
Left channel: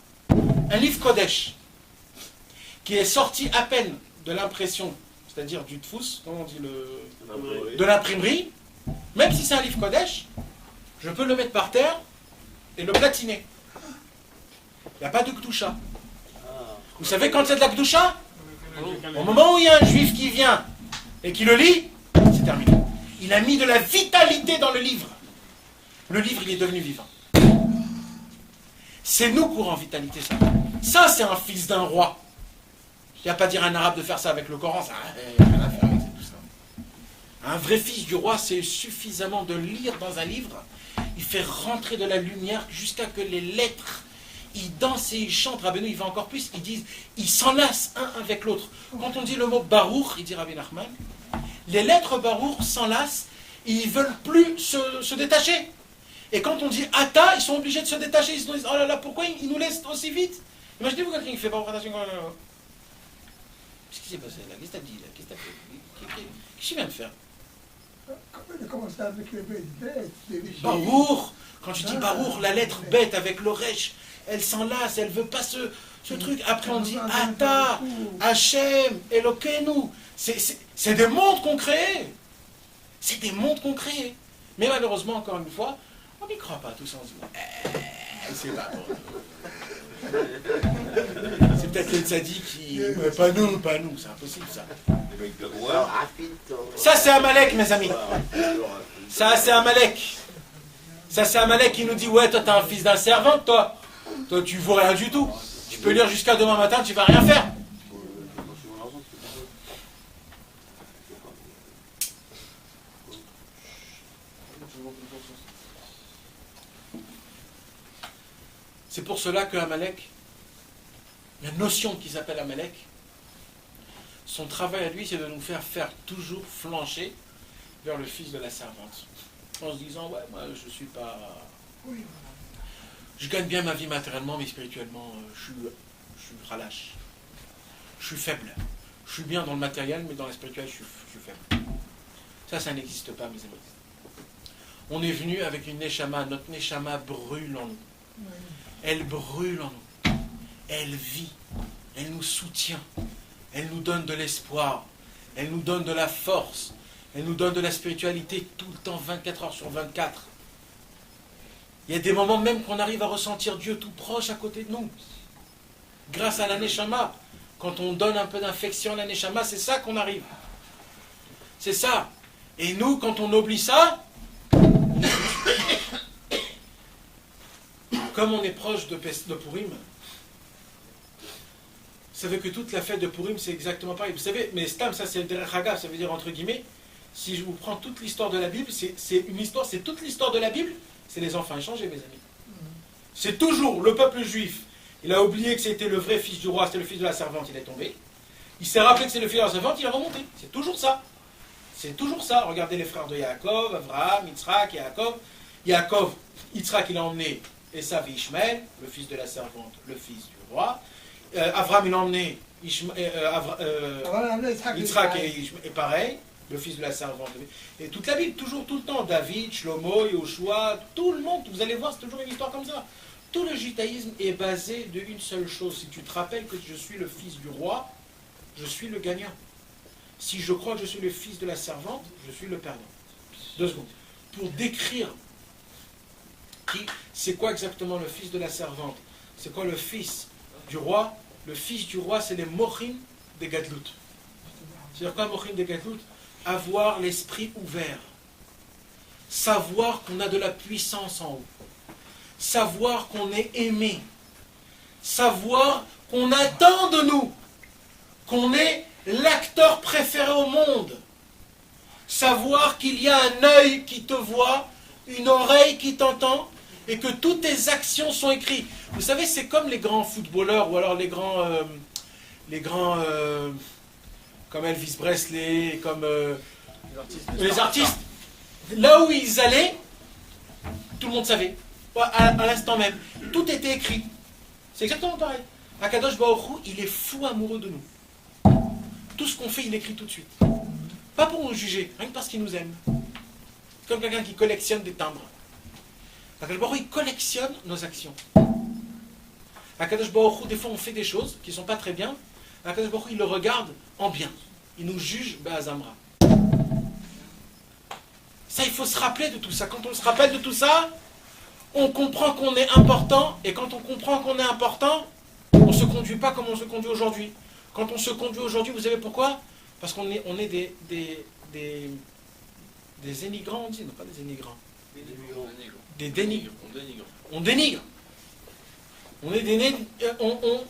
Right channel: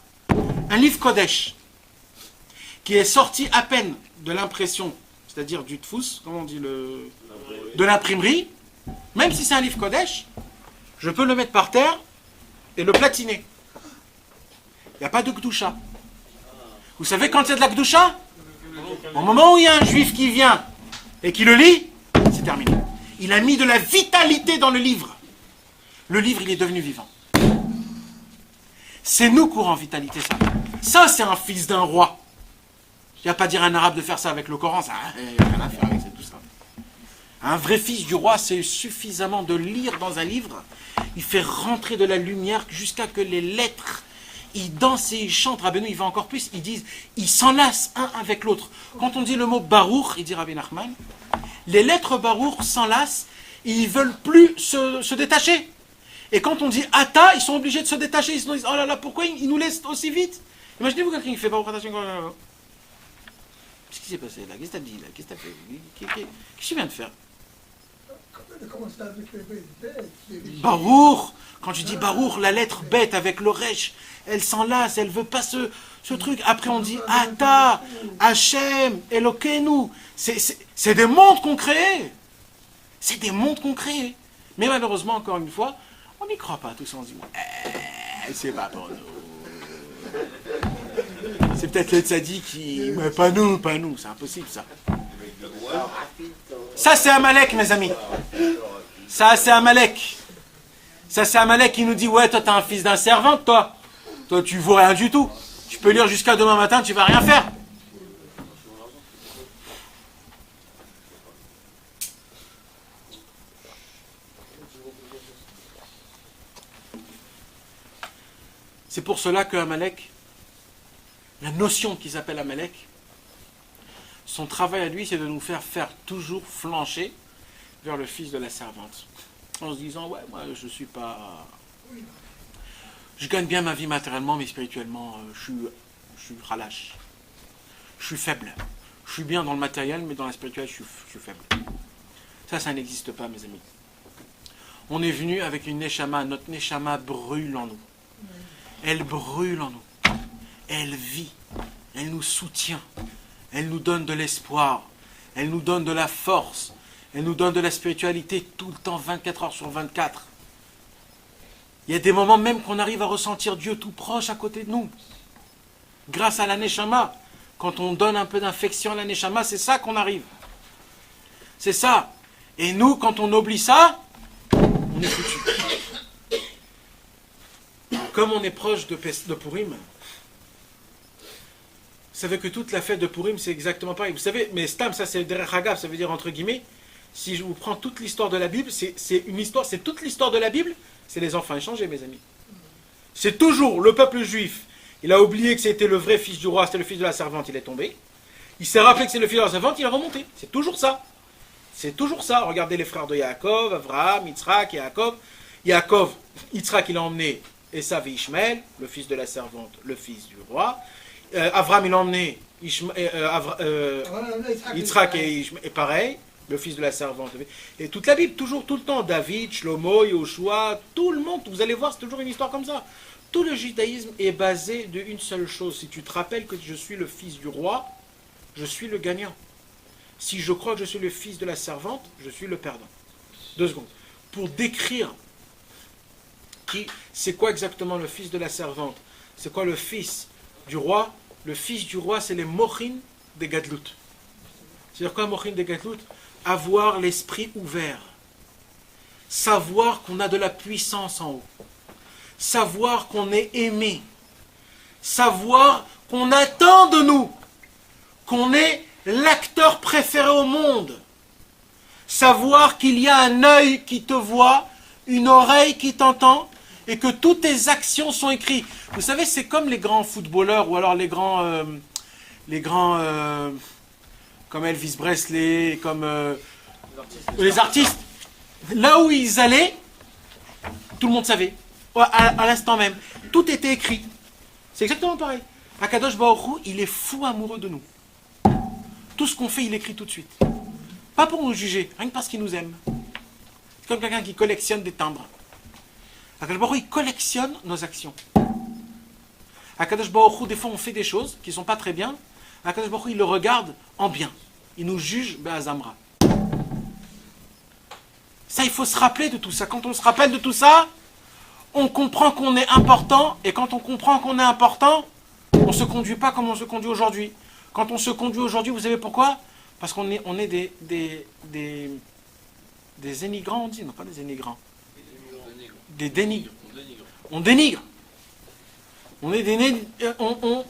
Un livre Kodesh, qui est sorti à peine de l'impression, c'est-à-dire du tfous, comment on dit, de l'imprimerie, même si c'est un livre Kodesh, je peux le mettre par terre et le platiner. Il n'y a pas de Gdusha. Vous savez quand il y a de la Gdusha? Au moment où il y a un juif qui vient et qui le lit, c'est terminé. Il a mis de la vitalité dans le livre. Le livre, il est devenu vivant. C'est nous qui aurons vitalité, ça. Ça, c'est un fils d'un roi. Je ne viens pas dire à un arabe de faire ça avec le Coran, ça n'a rien à faire avec tout ça. Un vrai fils du roi, c'est suffisamment de lire dans un livre. Il fait rentrer de la lumière jusqu'à que les lettres, ils dansent et ils chantent. Rabbeinu, il va encore plus. Ils disent, ils s'enlacent un avec l'autre. Quand on dit le mot Baruch, il dit Rabbi Nachman, les lettres Baruch s'enlacent et ils ne veulent plus se détacher. Et quand on dit Ata, ils sont obligés de se détacher. Ils se disent, oh là là, pourquoi ils nous laissent aussi vite? Imaginez-vous quelqu'un qui fait Baruch Ata. Qu'est-ce qui s'est passé là? Qu'est-ce que t'as dit là? Qu'est-ce que t'as fait? Qu'est-ce qu'il vient de faire? Baruch, quand tu dis Baruch, la lettre bête avec le resh, elle s'enlace, elle veut pas ce truc. Après on dit Ata, Hachem, Elokeinu. C'est des mondes qu'on crée. C'est des mondes qu'on crée. Mais malheureusement, encore une fois, on n'y croit pas. Tout ça, on se dit, c'est pas bon. C'est peut-être le tzaddik qui... Mais pas nous, c'est impossible ça. Ça c'est Amalek, mes amis. Ça c'est Amalek. Ça c'est Amalek qui nous dit, ouais, toi t'es un fils d'un servant, toi. Toi tu vaux rien du tout. Tu peux lire jusqu'à demain matin, tu vas rien faire. C'est pour cela que Amalek, la notion qu'ils appellent Amalek, son travail à lui, c'est de nous faire toujours flancher vers le fils de la servante. En se disant, ouais, moi je suis pas... Je gagne bien ma vie matériellement, mais spirituellement, je suis relâche. Je suis faible. Je suis bien dans le matériel, mais dans la spiritualité, je suis faible. Ça n'existe pas, mes amis. On est venu avec une neshama, notre neshama brûle en nous. Elle brûle en nous. Elle vit. Elle nous soutient. Elle nous donne de l'espoir. Elle nous donne de la force. Elle nous donne de la spiritualité tout le temps, 24 heures sur 24. Il y a des moments même qu'on arrive à ressentir Dieu tout proche à côté de nous. Grâce à la Neshama. Quand on donne un peu d'infection à la Neshama, c'est ça qu'on arrive. C'est ça. Et nous, quand on oublie ça, on est foutu. Comme on est proche de Purim, vous savez que toute la fête de Purim, c'est exactement pareil. Vous savez, mais Stam, ça c'est Derech Hagav, ça veut dire entre guillemets, si je vous prends toute l'histoire de la Bible, c'est une histoire, c'est toute l'histoire de la Bible, c'est les enfants échangés, mes amis. C'est toujours le peuple juif. Il a oublié que c'était le vrai fils du roi, c'était le fils de la servante, il est tombé. Il s'est rappelé que c'est le fils de la servante, il a remonté. C'est toujours ça. C'est toujours ça. Regardez les frères de Yaakov, Abraham, Yitzhak, Yaakov. Yaakov, Yitzhak, il a emmené Esav et Ishmaël, le fils de la servante, le fils du roi. Abraham, il a emmené Yitzhak et pareil, le fils de la servante. Et toute la Bible, toujours, tout le temps, David, Shlomo, Yoshua, tout le monde, vous allez voir, c'est toujours une histoire comme ça. Tout le judaïsme est basé d'une seule chose. Si tu te rappelles que je suis le fils du roi, je suis le gagnant. Si je crois que je suis le fils de la servante, je suis le perdant. 2 secondes. Pour décrire c'est quoi exactement le fils de la servante, c'est quoi le fils du roi, le fils du roi, c'est les mochim des gadlout. C'est-à-dire quoi mochim des gadlout? Avoir l'esprit ouvert. Savoir qu'on a de la puissance en haut. Savoir qu'on est aimé. Savoir qu'on attend de nous. Qu'on est l'acteur préféré au monde. Savoir qu'il y a un œil qui te voit, une oreille qui t'entend, et que toutes tes actions sont écrites. Vous savez, c'est comme les grands footballeurs, ou alors les grands comme Elvis Presley, comme les artistes. Là où ils allaient, tout le monde savait, à l'instant même. Tout était écrit. C'est exactement pareil. Akadosh Baruch Hu, il est fou amoureux de nous. Tout ce qu'on fait, il écrit tout de suite. Pas pour nous juger, rien que parce qu'il nous aime. Comme quelqu'un qui collectionne des timbres. Akadosh Baruch Hu, il collectionne nos actions. Akadosh Baruch Hu, des fois on fait des choses qui ne sont pas très bien. Akadosh Baruch Hu, il le regarde en bien. Il nous juge Be'azamra. Ça, il faut se rappeler de tout ça. Quand on se rappelle de tout ça, on comprend qu'on est important. Et quand on comprend qu'on est important, on ne se conduit pas comme on se conduit aujourd'hui. Quand on se conduit aujourd'hui, vous savez pourquoi? Parce qu'on est des énigrants, on dit, non pas des énigrants. Des dénigrants. On dénigre. On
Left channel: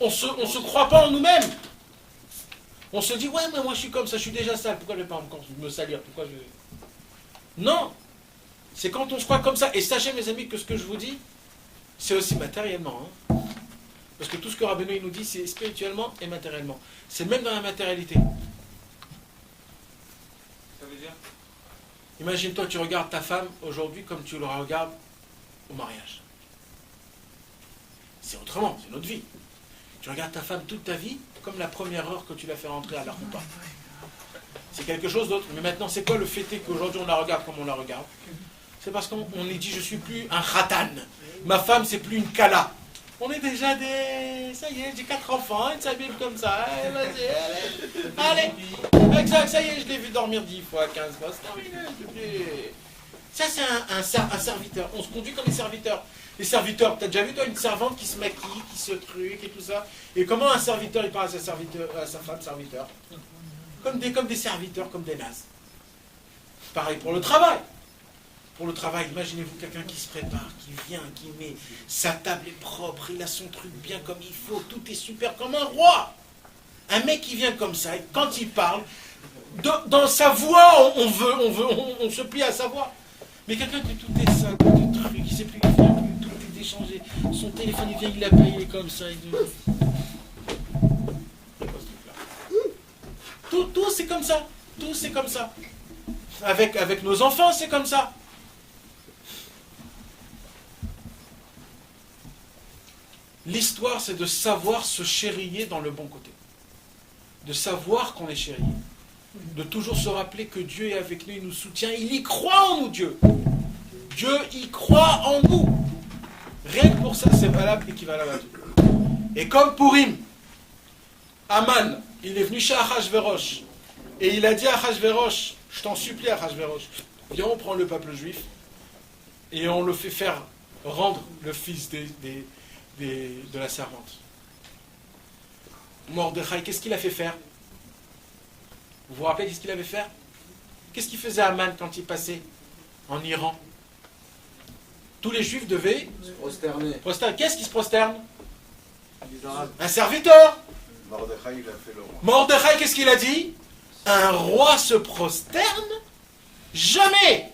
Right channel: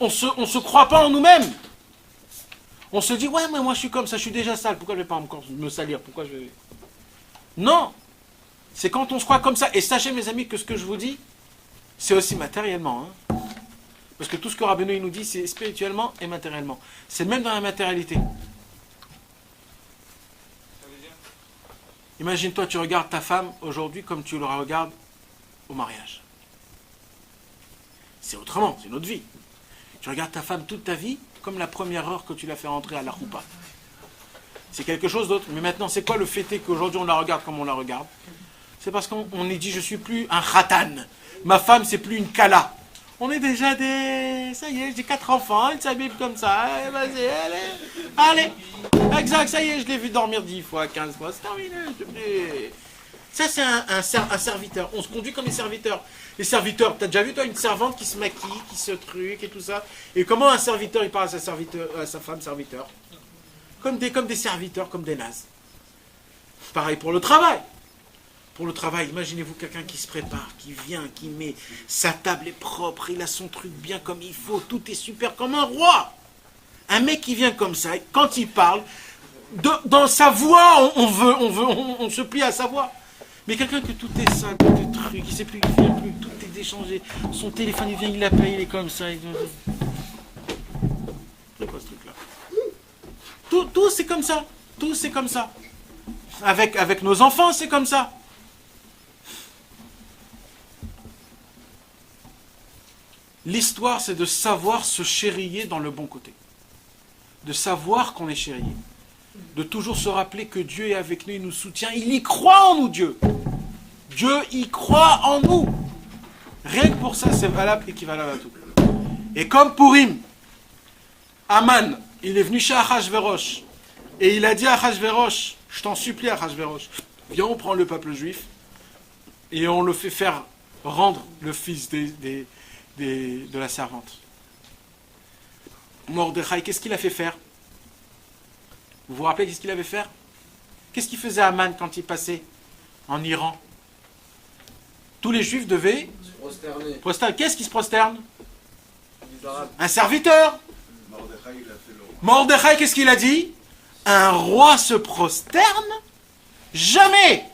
se croit pas en nous-mêmes. On se dit, ouais, mais moi je suis comme ça, je suis déjà sale, pourquoi je ne vais pas encore me salir? Pourquoi je vais... Non. C'est quand on se croit comme ça. Et sachez, mes amis, que ce que je vous dis, c'est aussi matériellement. Hein. Parce que tout ce que Rabbeinu il nous dit, c'est spirituellement et matériellement. C'est même dans la matérialité. Imagine-toi, tu regardes ta femme aujourd'hui comme tu la regardes au mariage. C'est autrement, c'est notre vie. Tu regardes ta femme toute ta vie comme la première heure que tu l'as fait rentrer à la roupa. C'est quelque chose d'autre. Mais maintenant, c'est quoi le fait qu'aujourd'hui on la regarde comme on la regarde? C'est parce qu'on est dit, je suis plus un khatan. Ma femme, c'est plus une kala. On est déjà des... Ça y est, j'ai 4 enfants, elle s'habille comme ça. Vas-y, allez. Exact, ça y est, je l'ai vu dormir 10 fois, 15 fois. C'est terminé. Ça, c'est un serviteur. On se conduit comme des serviteurs. Les serviteurs, t'as déjà vu, toi, une servante qui se maquille, qui se truque et tout ça? Et comment un serviteur, il parle à sa femme serviteur? Comme des serviteurs, comme des nazes. Pareil pour le travail. Pour le travail, imaginez-vous quelqu'un qui se prépare, qui vient, qui met sa table est propre, il a son truc bien comme il faut, tout est super comme un roi. Un mec qui vient comme ça, quand il parle, dans sa voix, on se plie à sa voix. Mais quelqu'un que tout est ça, tout est truc, il ne sait plus, il vient plus, tout est déchangé, son téléphone il vient, il l'appelle, il est comme ça. C'est quoi ce truc-là? Tout c'est comme ça, tout c'est comme ça. Avec nos enfants, c'est comme ça. L'histoire, c'est de savoir se chériller dans le bon côté. De savoir qu'on est chérillé. De toujours se rappeler que Dieu est avec nous, il nous soutient. Il y croit en nous, Dieu. Dieu y croit en nous. Rien que pour ça, c'est valable, équivalent à tout. Et comme Purim, Aman, il est venu chez Achashverosh. Et il a dit à Achashverosh, je t'en supplie Achashverosh, viens, on prend le peuple juif et on le fait faire rendre le fils de la servante. Mordechai, qu'est-ce qu'il a fait faire? Vous vous rappelez qu'est-ce qu'il avait fait? Qu'est-ce qu'il faisait Aman quand il passait en Iran? Tous les juifs devaient prosterner. Qu'est-ce qui se prosterne? Un serviteur. Mordechai, qu'est-ce qu'il a dit? Un roi se prosterne? Jamais!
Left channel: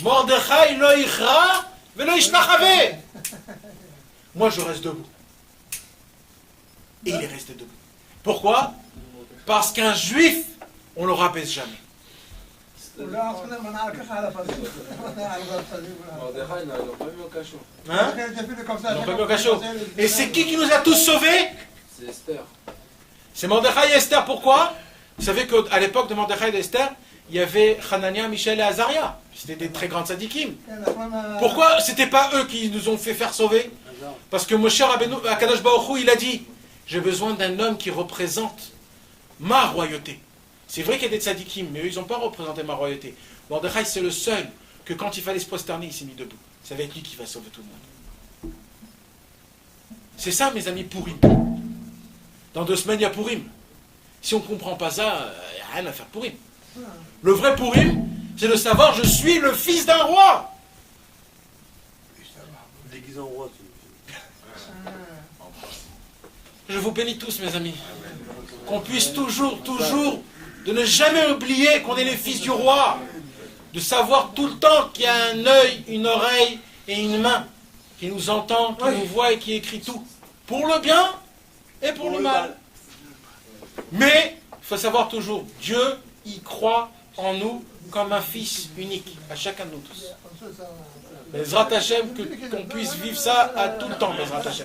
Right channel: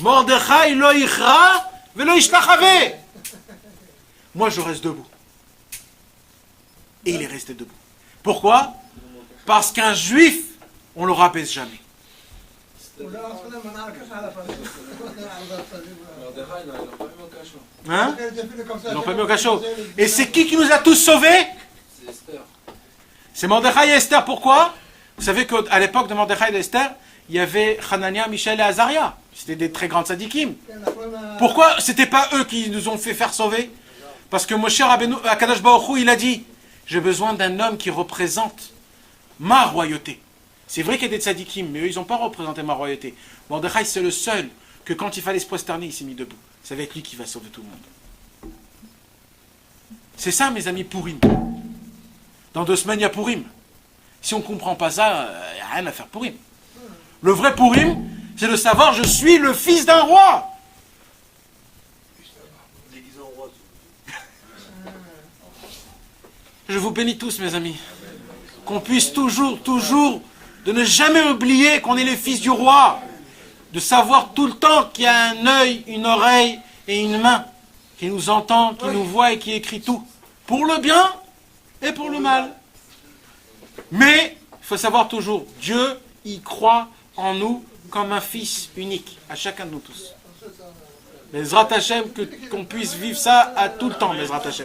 Mordechai lo ichra velo ishtachave. Moi, je reste debout. Et il est resté debout. Pourquoi? Parce qu'un juif, on ne le rabaisse jamais. מרדכי, ils l'ont pas mis au cachot. Hein? Ils l'ont pas mis au cachot. Et c'est qui nous a tous sauvés? C'est Esther. C'est Mordechai et Esther. Pourquoi? Vous savez qu'à l'époque de Mordechai et Esther, il y avait Hanania, Michel et Azaria. C'était des très grands tzadikim. Pourquoi c'était pas eux qui nous ont fait faire sauver? Parce que Moshe Rabbeinu, Akadosh Baruch Hu, il a dit, j'ai besoin d'un homme qui représente ma royauté. C'est vrai qu'il y a des tzadikim, mais eux, ils n'ont pas représenté ma royauté. Mordechai, c'est le seul que quand il fallait se prosterner, il s'est mis debout. Ça va être lui qui va sauver tout le monde. C'est ça, mes amis, Purim. Dans 2 semaines, il y a Purim. Si on ne comprend pas ça, il n'y a rien à faire Purim. Le vrai Purim, c'est de savoir, je suis le fils d'un roi. Déguisé en roi, Je vous bénis tous, mes amis. Qu'on puisse toujours, de ne jamais oublier qu'on est les fils du roi. De savoir tout le temps qu'il y a un œil, une oreille et une main qui nous entend, qui nous voit et qui écrit tout. Pour le bien et pour le mal. Mais, il faut savoir toujours, Dieu, il croit en nous comme un fils unique, à chacun de nous tous. Bezrat Hashem, qu'on puisse vivre ça à tout le temps, Bezrat Hashem.